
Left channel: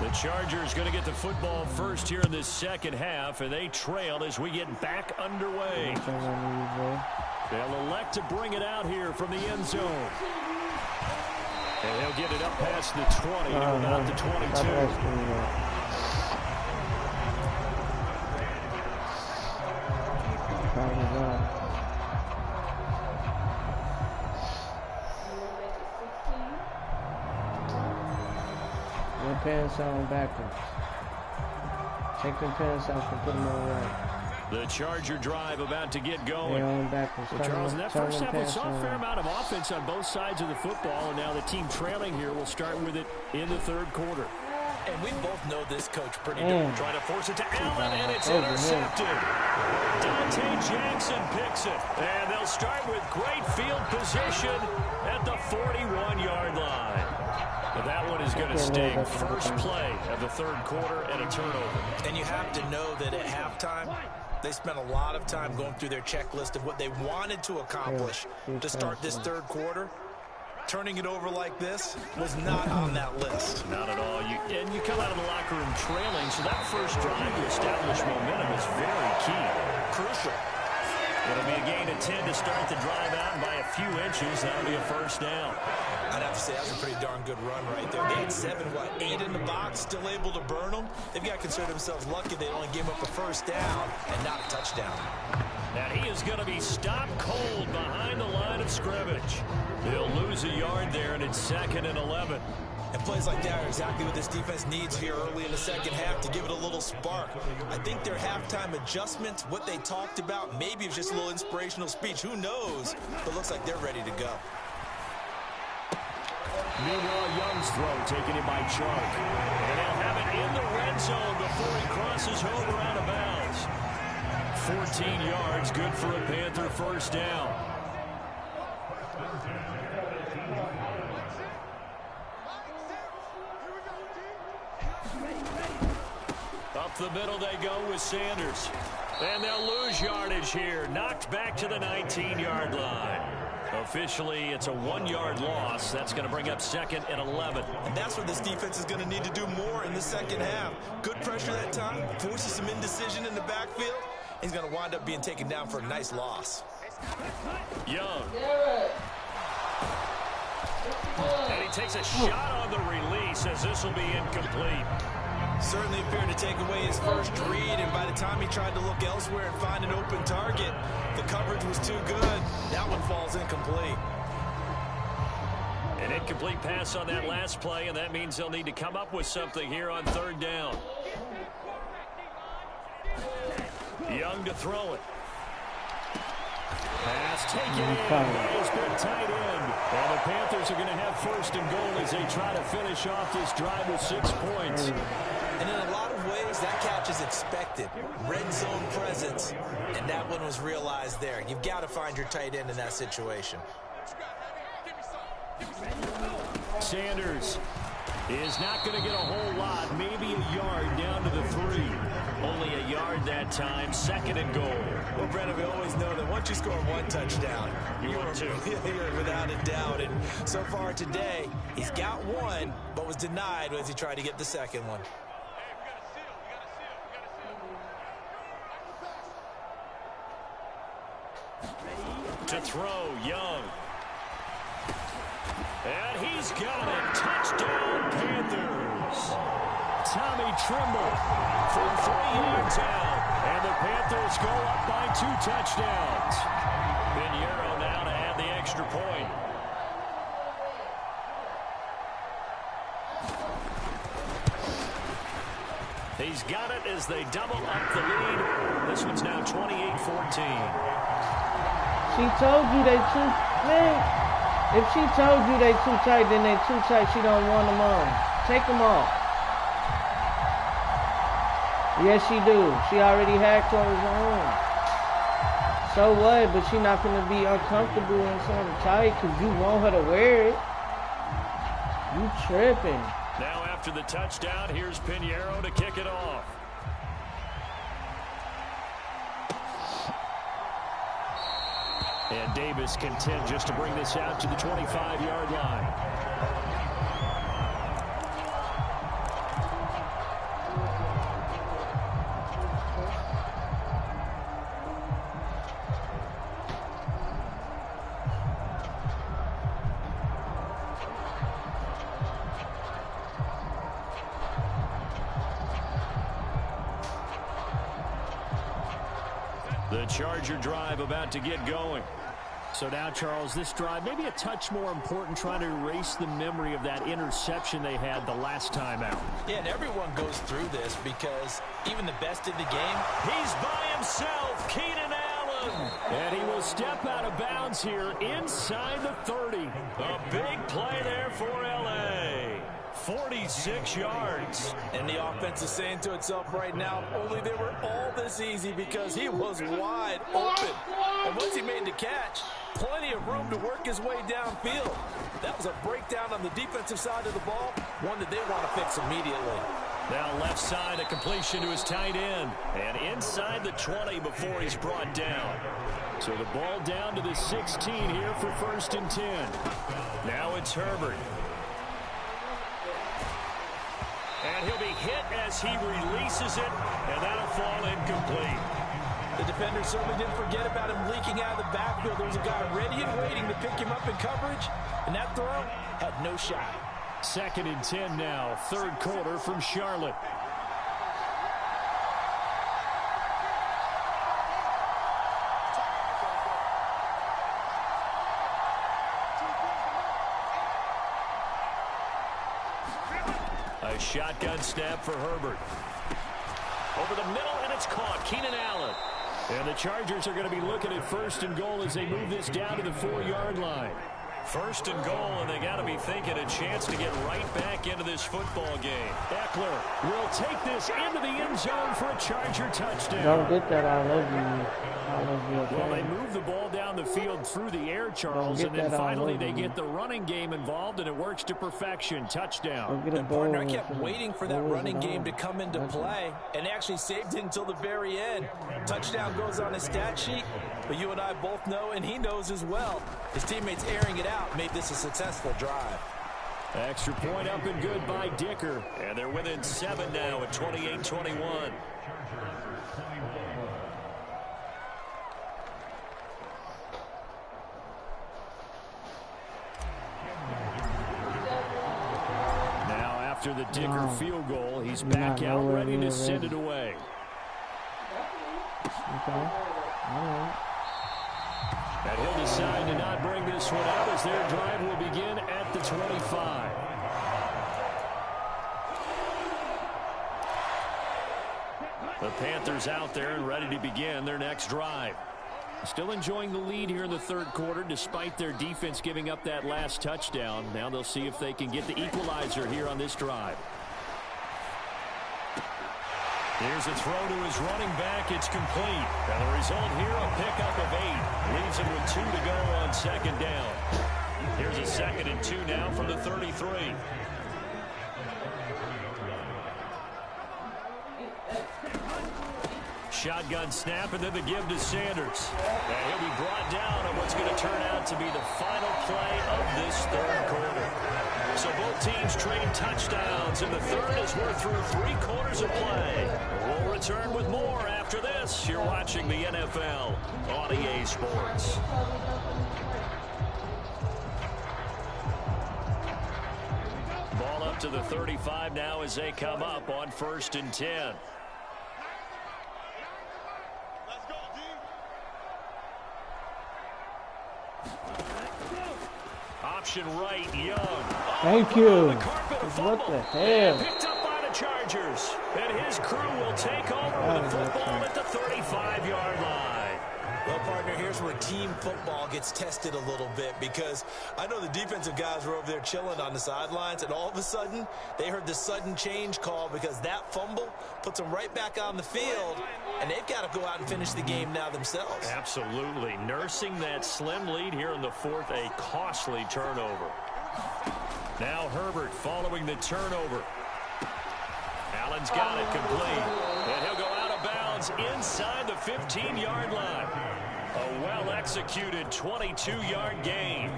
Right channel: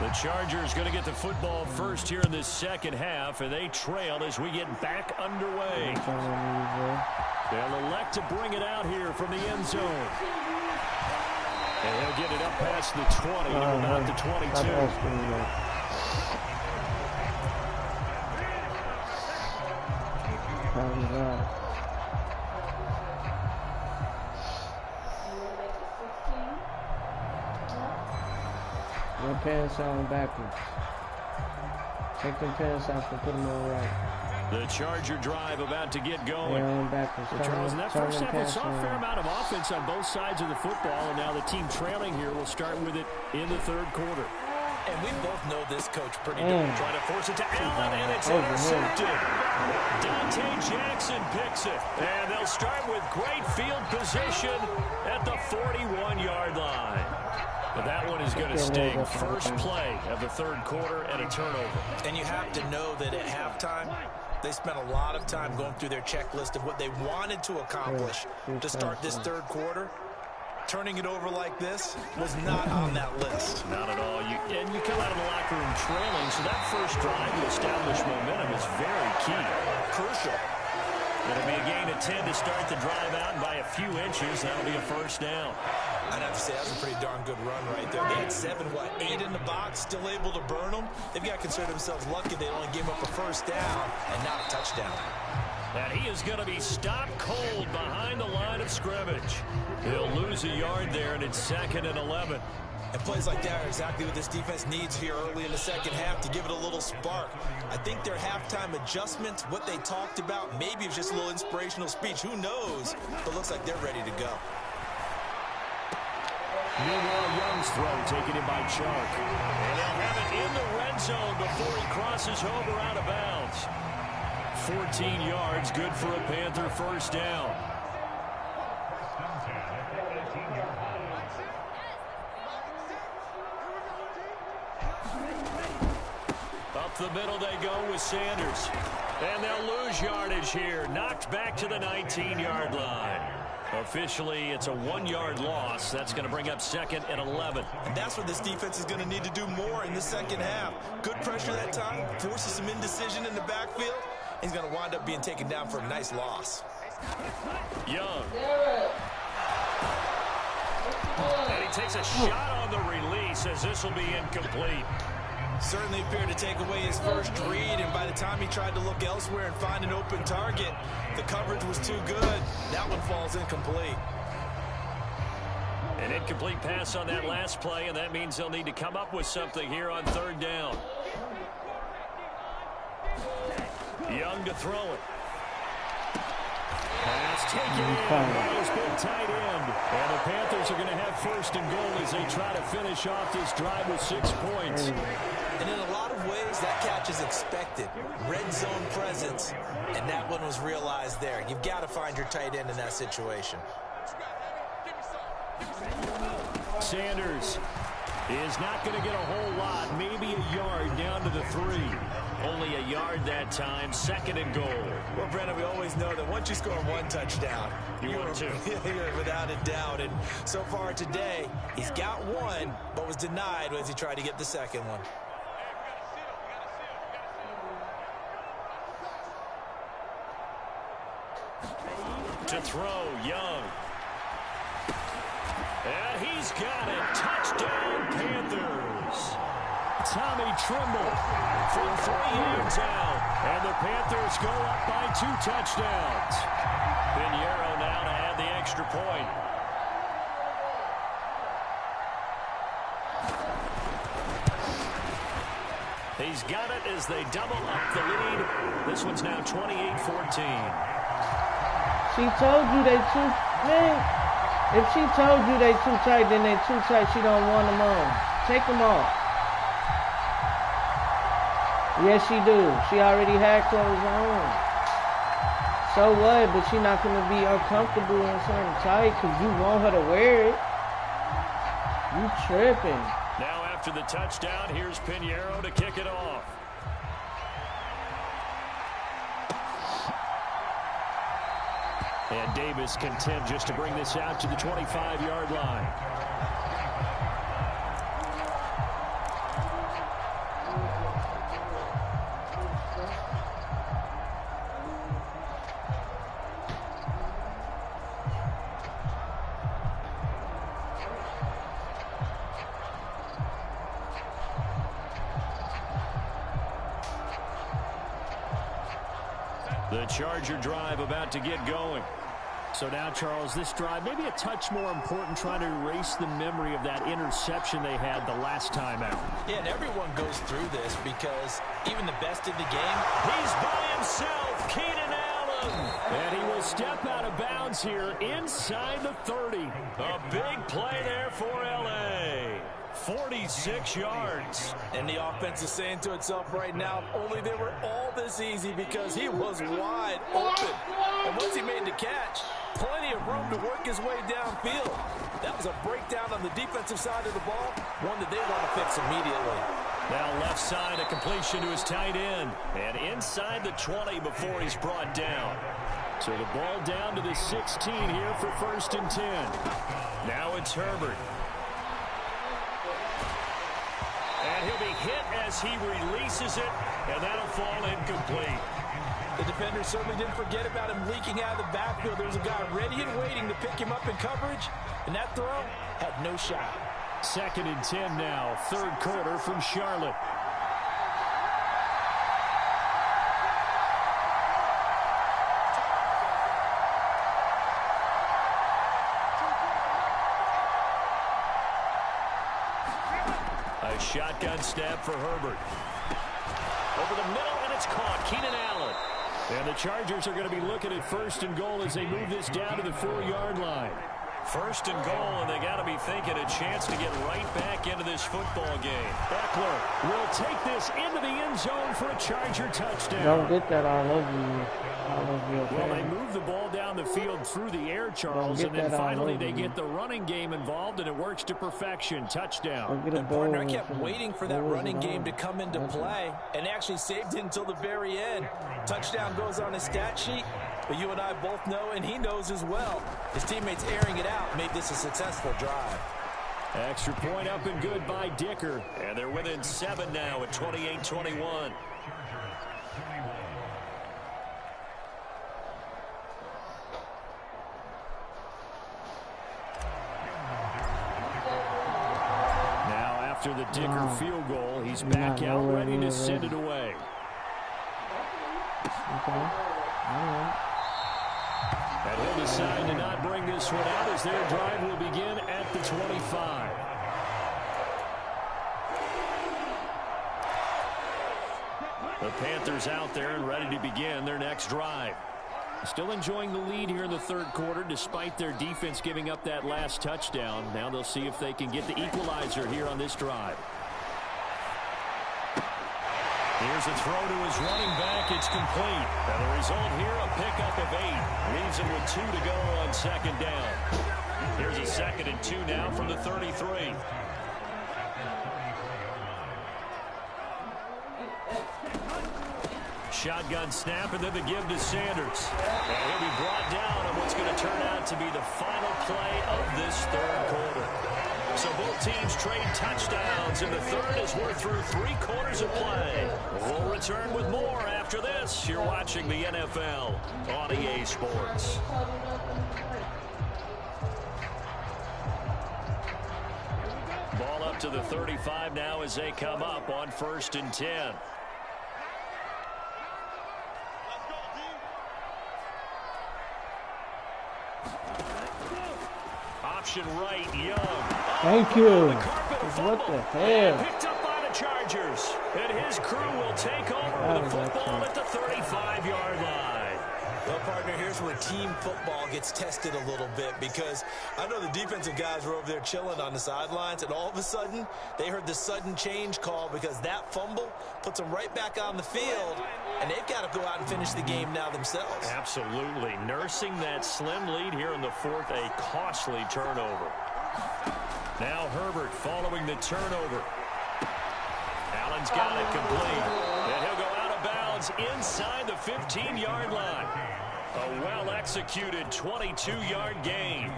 The Chargers going to get the football first here in this second half, and they trail as we get back underway. They'll elect to bring it out here from the end zone. And he'll get it up past the 20 to about the 22. Your pants on backwards. Take them pants off and put them on right. The Charger drive about to get going. Yeah, on backwards. Well, Charles, in that first half, we saw a fair amount of offense on both sides of the football, and now the team trailing here will start with it in the third quarter. And we both know this coach pretty good. Trying to force it to Allen, and it's intercepted. Dante Jackson picks it. And they'll start with great field position at the 41-yard line. But that one is going to sting. First play of the third quarter and a turnover. And you have to know that at halftime, they spent a lot of time going through their checklist of what they wanted to accomplish to start this third quarter. Turning it over like this was not on that list. Not at all. And you come out of the locker room trailing, so that first drive to establish momentum is very key. Crucial. It'll be a gain of 10 to start the drive out, and by a few inches, that'll be a first down. I'd have to say that was a pretty darn good run right there. They had 8 in the box, still able to burn them. They've got to consider themselves lucky they only gave up a first down and not a touchdown. And he is going to be stopped cold behind the line of scrimmage. He'll lose a yard there, and it's 2nd and 11. And plays like that are exactly what this defense needs here early in the second half to give it a little spark. I think their halftime adjustments, what they talked about, maybe it was just a little inspirational speech. Who knows? But looks like they're ready to go. Meanwhile, Young's throw taken in by Chark. And they'll have it in the red zone before he crosses over out of bounds. 14 yards, good for a Panther first down. Up the middle they go with Sanders. And they'll lose yardage here. Knocked back to the 19-yard line. Officially, it's a 1-yard loss. That's going to bring up 2nd and 11. And that's what this defense is going to need to do more in the second half. Good pressure that time. Forces some indecision in the backfield. He's going to wind up being taken down for a nice loss. Young. And he takes a shot on the release as this will be incomplete. Certainly appeared to take away his first read, and by the time he tried to look elsewhere and find an open target, the coverage was too good. That one falls incomplete. An incomplete pass on that last play, and that means they'll need to come up with something here on third down. Young to throw it. Pass taken in by his big tight end. And the Panthers are going to have 1st and goal as they try to finish off this drive with 6 points. And in a lot of ways, that catch is expected. Red zone presence, and that one was realized there. You've got to find your tight end in that situation. Sanders is not going to get a whole lot, maybe a yard down to the 3. Only a yard that time, 2nd and goal. Well, Brennan, we always know that once you score 1 touchdown, you're 2. You're without a doubt. And so far today, he's got 1, but was denied as he tried to get the 2nd one. To throw, Young. And he's got it. Touchdown, Panthers. Tommy Trimble from 3 yards out. And the Panthers go up by 2 touchdowns. Pinheiro now to add the extra point. He's got it as they double up the lead. This one's now 28-14. She told you they too big. If she told you they too tight, then they too tight. She don't want them on. Take them off. Yes, she do. She already had clothes on. So what? But she not gonna be uncomfortable in something tight because you want her to wear it. You tripping. Now after the touchdown, here's Pjbigakh to kick it off. And Davis content just to bring this out to the 25-yard line. The Charger drive about to get going. So now, Charles, this drive maybe a touch more important, trying to erase the memory of that interception they had the last time out. Yeah, and everyone goes through this because even the best in the game, he's by himself, Keenan Allen. And he will step out of bounds here inside the 30. A big play there for L.A. 46 yards. And the offense is saying to itself right now, only they were all this easy because he was wide open. And once he made the catch, plenty of room to work his way downfield. That was a breakdown on the defensive side of the ball, one that they want to fix immediately. Now left side, a completion to his tight end. And inside the 20 before he's brought down. So the ball down to the 16 here for 1st and 10. Now it's Herbert. And he'll be hit as he releases it, and that'll fall incomplete. The defender certainly didn't forget about him leaking out of the backfield. There was a guy ready and waiting to pick him up in coverage, and that throw had no shot. 2nd and 10 now, 3rd quarter from Charlotte. A shotgun snap for Herbert. Over the middle, and it's caught. Keenan Allen. And the Chargers are going to be looking at 1st and goal as they move this down to the 4-yard line. 1st and goal, and they got to be thinking a chance to get right back into this football game. Eckler will take this into the end zone for a Charger touchdown. Don't get that all over you. Okay? Well, they move the ball down the field through the air, Charles, and then finally they get the running game involved, and it works to perfection. Touchdown. And partner, I kept waiting for that running game to come into play, and actually saved it until the very end. Touchdown goes on his stat sheet, but you and I both know, and he knows as well, his teammates airing it out made this a successful drive. Extra point up and good by Dicker. And they're within 7 now at 28-21. Now after the Dicker field goal, he's back out ready to send it away. Okay. All right. And he'll decide to not bring this one out as their drive will begin at the 25. The Panthers out there and ready to begin their next drive. Still enjoying the lead here in the 3rd quarter despite their defense giving up that last touchdown. Now they'll see if they can get the equalizer here on this drive. Here's a throw to his running back. It's complete. And the result here, a pickup of 8. Leaves him with 2 to go on 2nd down. Here's a 2nd and 2 now from the 33. Shotgun snap, and then the give to Sanders. And he'll be brought down on what's going to turn out to be the final play of this 3rd quarter. So both teams trade touchdowns in the 3rd as we're through 3 quarters of play. We'll return with more after this. You're watching the NFL on EA Sports. Ball up to the 35 now as they come up on 1st and 10. Option right, Young. Thank you. What the hell? Picked up by the Chargers. And his crew will take over with the football at the 35-yard line. Well, partner, here's where team football gets tested a little bit, because I know the defensive guys were over there chilling on the sidelines, and all of a sudden, they heard the sudden change call because that fumble puts them right back on the field, and they've got to go out and finish the game now themselves. Absolutely. Nursing that slim lead here in the fourth, a costly turnover. Now Herbert following the turnover. Allen's got it complete, and he'll go out of bounds inside the 15-yard line. A well-executed 22-yard gain.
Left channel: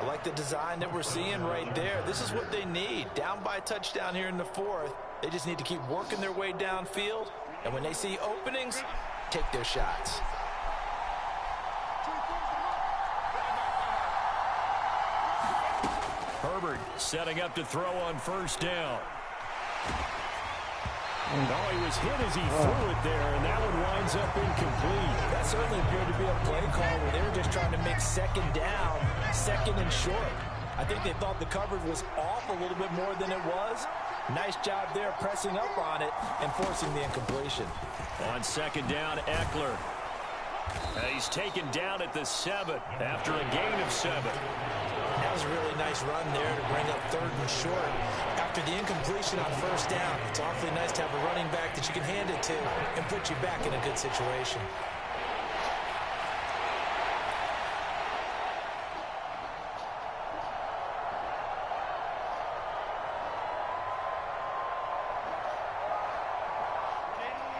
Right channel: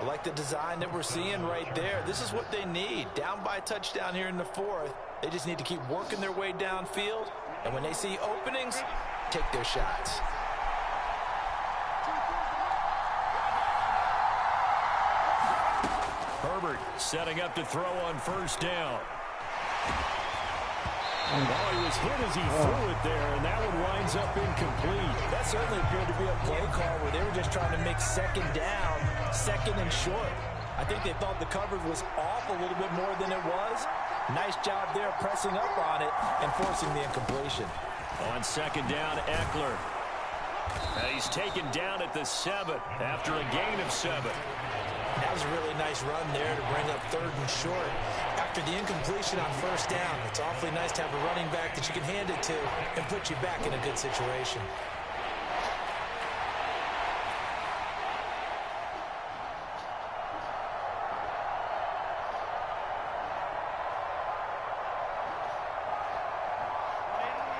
I like the design that we're seeing right there. This is what they need. Down by a touchdown here in the fourth. They just need to keep working their way downfield, and when they see openings, take their shots. Herbert setting up to throw on first down. Oh, he was hit as he threw it there, and that one winds up incomplete. That certainly appeared to be a play call where they were just trying to make second down, second and short. I think they thought the coverage was off a little bit more than it was. Nice job there pressing up on it and forcing the incompletion. On second down, Eckler. He's taken down at the 7 after a gain of 7. That was a really nice run there to bring up third and short. After the incompletion on first down, it's awfully nice to have a running back that you can hand it to and put you back in a good situation.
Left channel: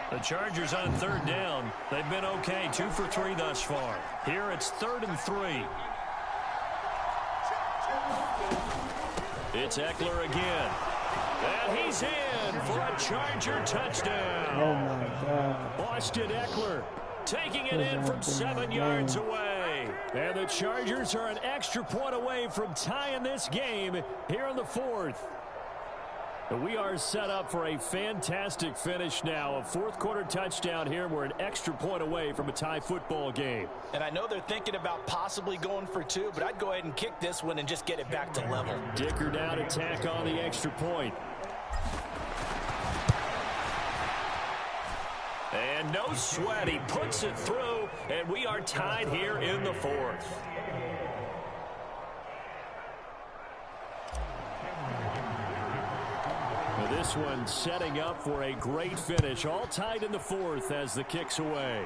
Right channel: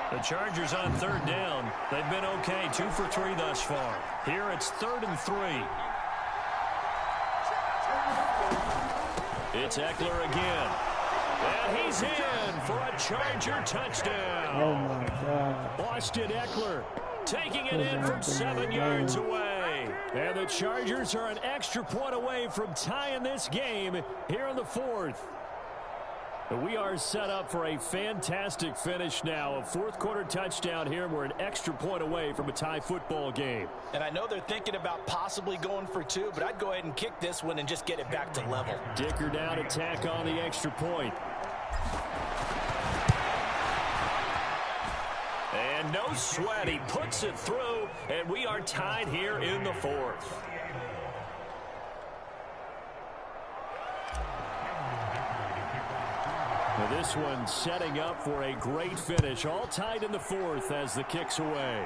The Chargers on third down. They've been okay, 2 for 3 thus far. Here it's 3rd and 3. It's Eckler again. And he's in for a Charger touchdown. Oh, my God. Austin Eckler taking it in from 7 yards away. And the Chargers are an extra point away from tying this game here in the fourth. We are set up for a fantastic finish now. A fourth-quarter touchdown here. We're an extra point away from a tie football game. And I know they're thinking about possibly going for 2, but I'd go ahead and kick this one and just get it back to level. Dicker down to tack on the extra point. And no sweat. He puts it through, and we are tied here in the fourth. This one setting up for a great finish. All tied in the fourth as the kick's away.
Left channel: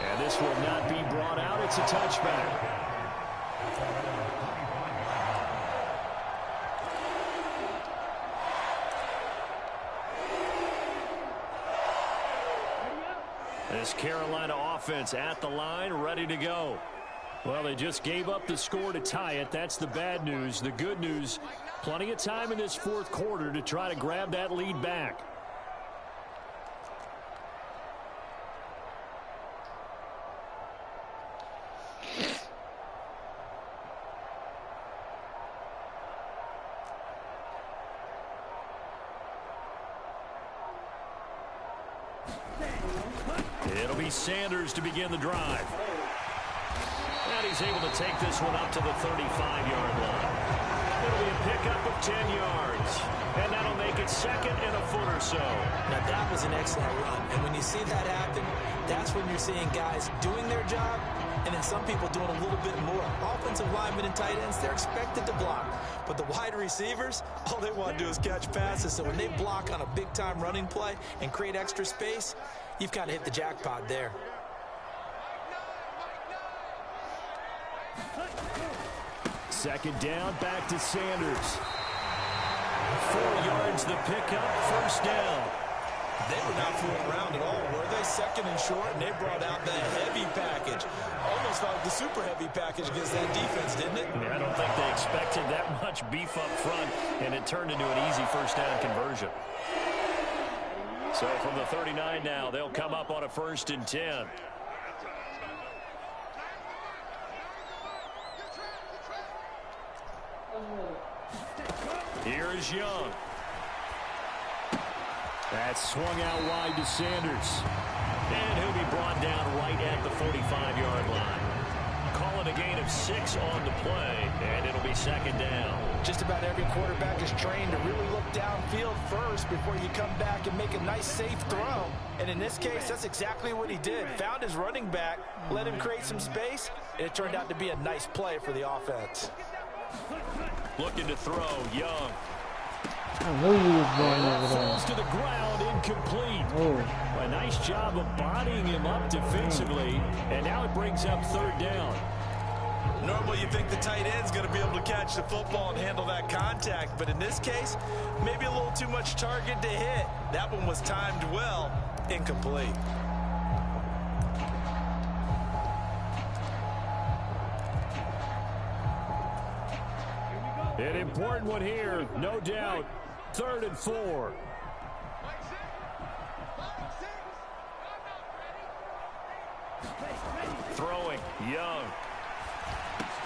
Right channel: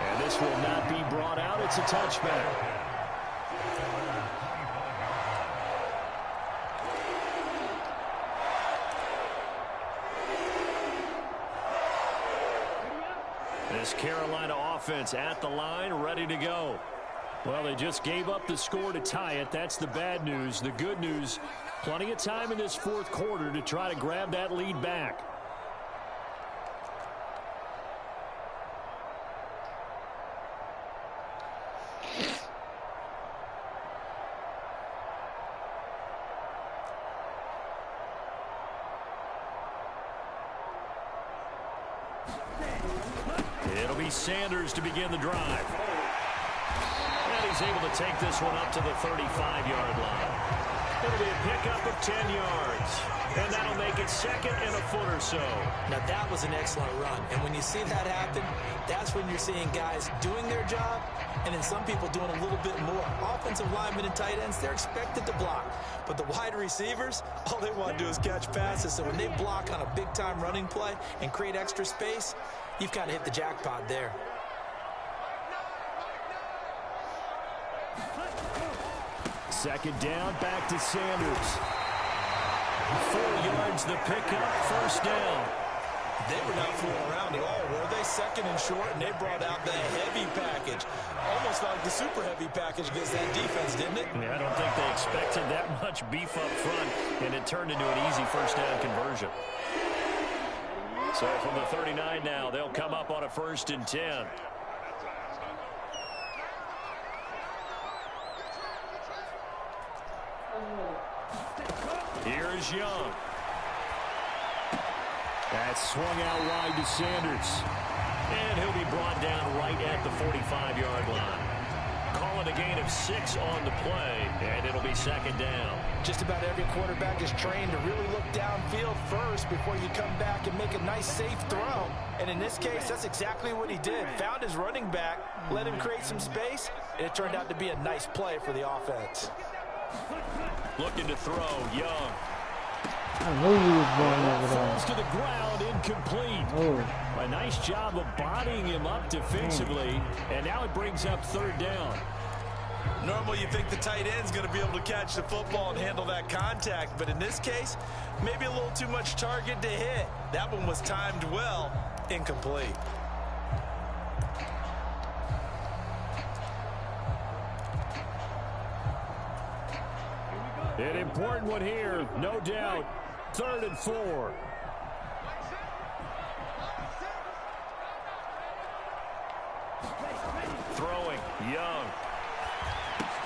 And this will not be brought out. It's a touchback. This Carolina offense at the line, ready to go. Well, they just gave up the score to tie it. That's the bad news. The good news, plenty of time in this fourth quarter to try to grab that lead back. It'll be Sanders to begin the drive. And he's able to take this one up to the 35-yard line. It'll be a pickup of 10 yards. And that'll make it 2nd and a foot or so. Now, that was an excellent run. And when you see that happen, that's when you're seeing guys doing their job and then some people doing a little bit more. Offensive linemen and tight ends, they're expected to block. But the wide receivers, all they want to do is catch passes. So when they block on a big-time running play and create extra space, you've kind of hit the jackpot there. Second down, back to Sanders. 4 yards the pickup, first down. They were not fooling around at all, were they? 2nd and short, and they brought out the heavy package. Almost like the super heavy package against that defense, didn't it? Yeah, I don't think they expected that much beef up front, and it turned into an easy first down conversion. So from the 39 now, they'll come up on a 1st and 10. Here's Young. That's swung out wide to Sanders. And he'll be brought down right at the 45-yard line. call it a gain of 6 on the play, and it'll be 2nd down. Just about every quarterback is trained to really look downfield first before you come back and make a nice, safe throw. And in this case, that's exactly what he did. Found his running back, let him create some space, and it turned out to be a nice play for the offense. Looking to throw, Young. I knew you was going over there. Falls to the ground, incomplete. Oh. A nice job of bodying him up defensively, and now it brings up 3rd down. Normally, you think the tight end's going to be able to catch the football and handle that contact, but in this case, maybe a little too much target to hit. That one was timed well, incomplete. An important one here, no doubt. 3rd and 4. Throwing, Young.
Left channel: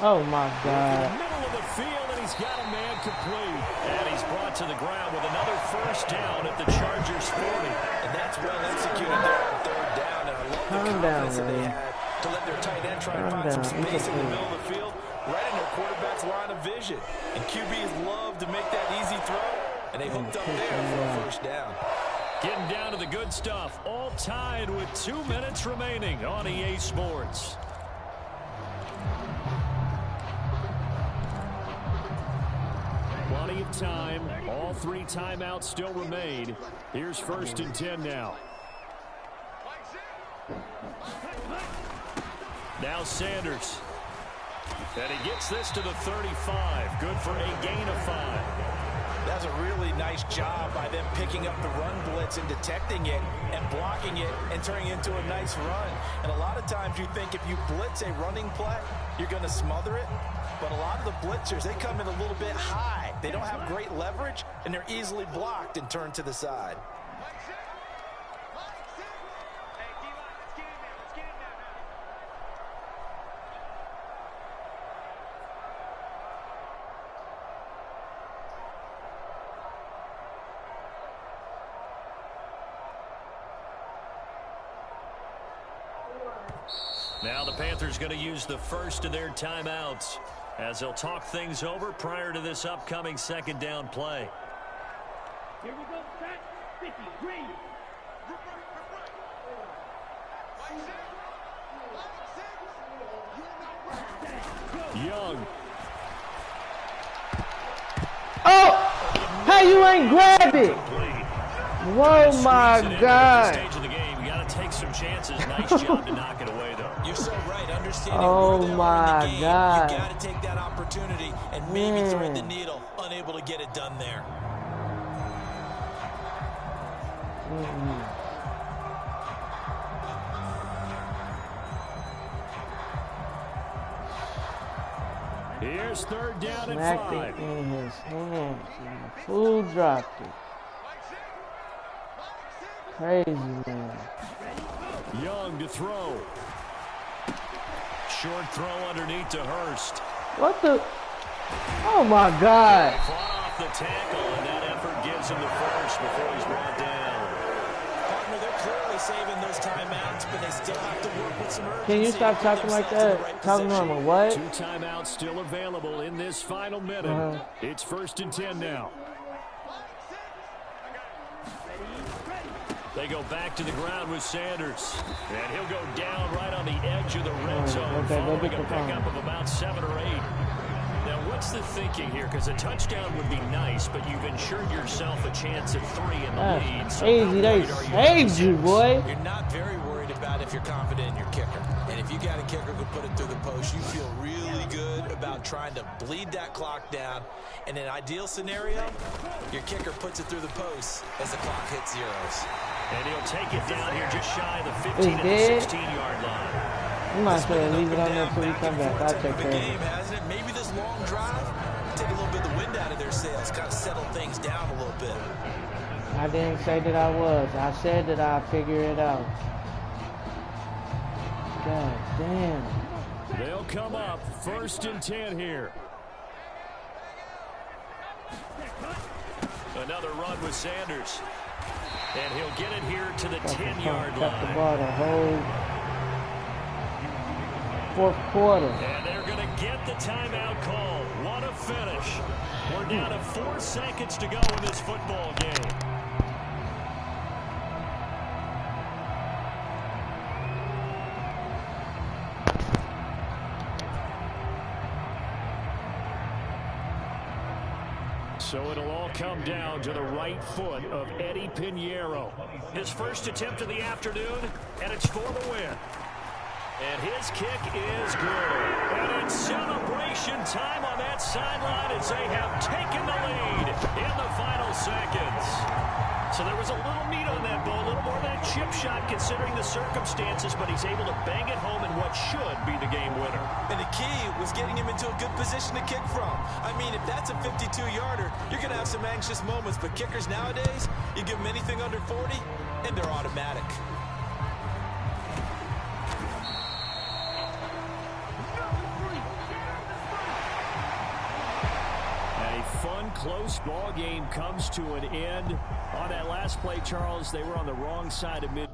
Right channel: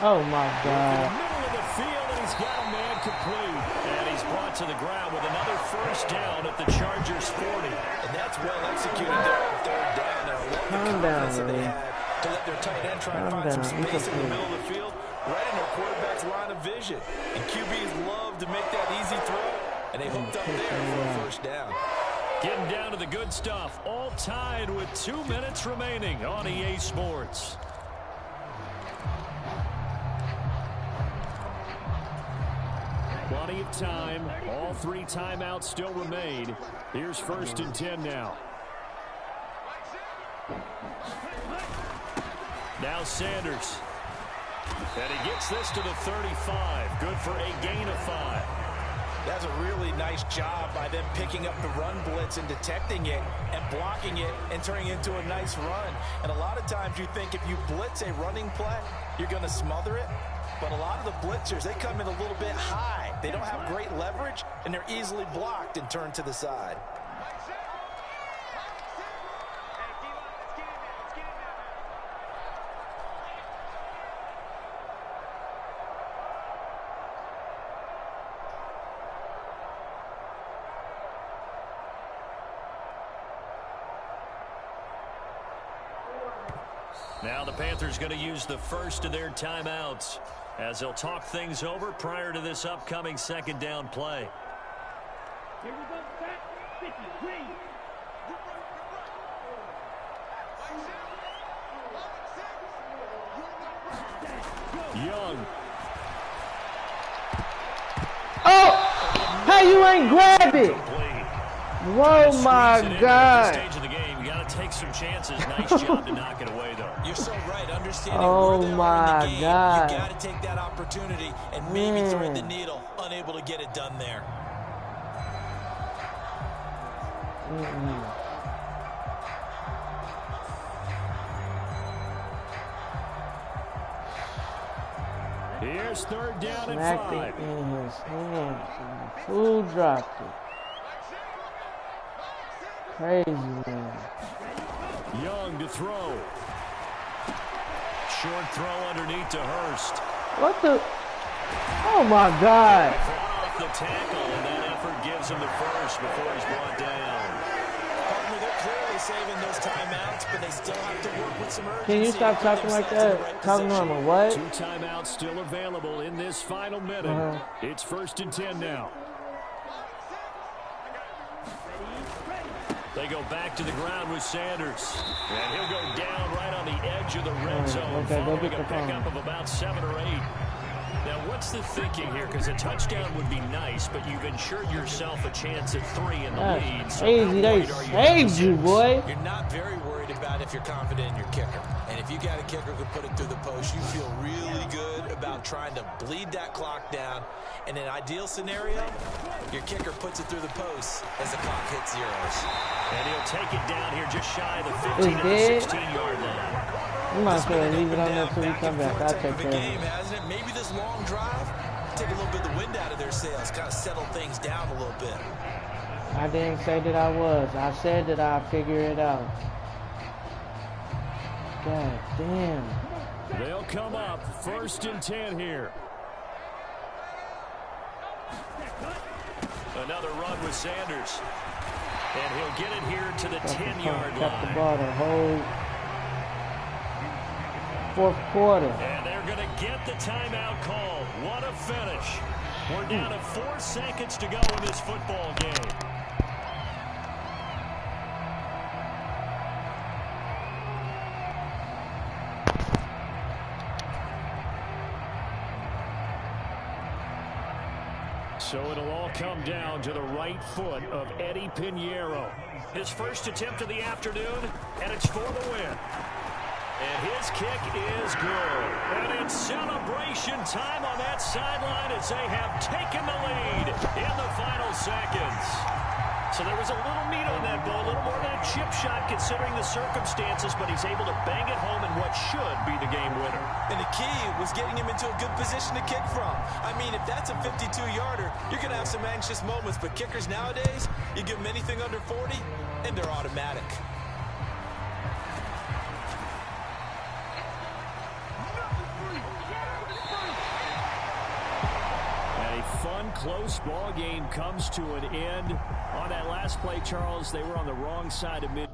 Oh my In God. the middle of the field, and he's got a man complete. And he's brought to the ground with another 1st down at the Chargers 40. And that's well executed there on 3rd down. And I love the confidence that they had to let their tight end try and find some space in the middle of the field, right in their quarterback's line of vision. And QBs love to make that easy throw, and they hooked up there for a 1st down. Getting down to the good stuff, all tied with 2 minutes remaining on EA Sports. Plenty of time. All 3 timeouts still remain. Here's 1st and 10 now. Now Sanders. And he gets this to the 35. Good for a gain of 5. That's a really nice job by them picking up the run blitz and detecting it and blocking it and turning it into a nice run. And a lot of times you think if you blitz a running play, you're going to smother it. But a lot of the blitzers, they come in a little bit high. They don't have great leverage, and they're easily blocked and turned to the side. Now the Panthers going to use the 1st of their timeouts as they'll talk things over prior to this upcoming 2nd down play. Here we go, set, 50, green. Young. Oh! How you ain't grab it? Whoa, my God. Stage of the game, you got to take some chances. Nice job to knock it away, though. You're so right. Understanding Oh, where they are in my the game, God. you got to take that opportunity and maybe thread the needle. Unable to get it done there. Here's 3rd down and Smacked 5. it in his hands. Fool dropped it. Crazy, man. Young to throw. Short throw underneath to Hurst. What the? Oh, my God. Fought off the tackle, and that effort gives him the 1st before he's brought down. Partner, they're clearly saving those timeouts, but they still have to work with some urgency. Can you stop talking like that? Talking normal. What? 2 timeouts still available in this final minute. It's 1st and 10 now. They go back to the ground with Sanders. And he'll go down right on the edge of the red zone, following a pickup of about 7 or 8. Now, what's the thinking here? Because a touchdown would be nice, but you've ensured yourself a chance at 3 in the lead. So Crazy. They saved you, boy. You're not very worried about if you're confident in your kicker. And if you got a kicker who put it through the post, you feel really good about trying to bleed that clock down. In an ideal scenario, your kicker puts it through the post as the clock hits zeros. And he'll take it down here just shy of the 15 to the 16-yard line. You might as well leave it on there until we come back. I'll take care of it. Hasn't it? Maybe this long drive take a little bit of the wind out of their sails, kind of settle things down a little bit. I didn't say that I was. I said that I'd figure it out. God damn. They'll come up 1st and 10 here. Another run with Sanders. And he'll get it here to the 10-yard Kept the line. ball the whole. fourth quarter. And they're going to get the timeout call. What a finish. We're down to 4 seconds to go in this football game. So it'll all come down to the right foot of Eddie Pinheiro. His first attempt of the afternoon, and it's for the win. And his kick is good. And it's celebration time on that sideline as they have taken the lead in the final seconds. So there was a little meat on that ball, a little more than a chip shot considering the circumstances, but he's able to bang it home in what should be the game winner. And the key was getting him into a good position to kick from. I mean, if that's a 52-yarder, you're going to have some anxious moments, but kickers nowadays, you give them anything under 40, and they're automatic. A fun, close ball game comes to an end. On that last play, Charles, they were on the wrong side of mid.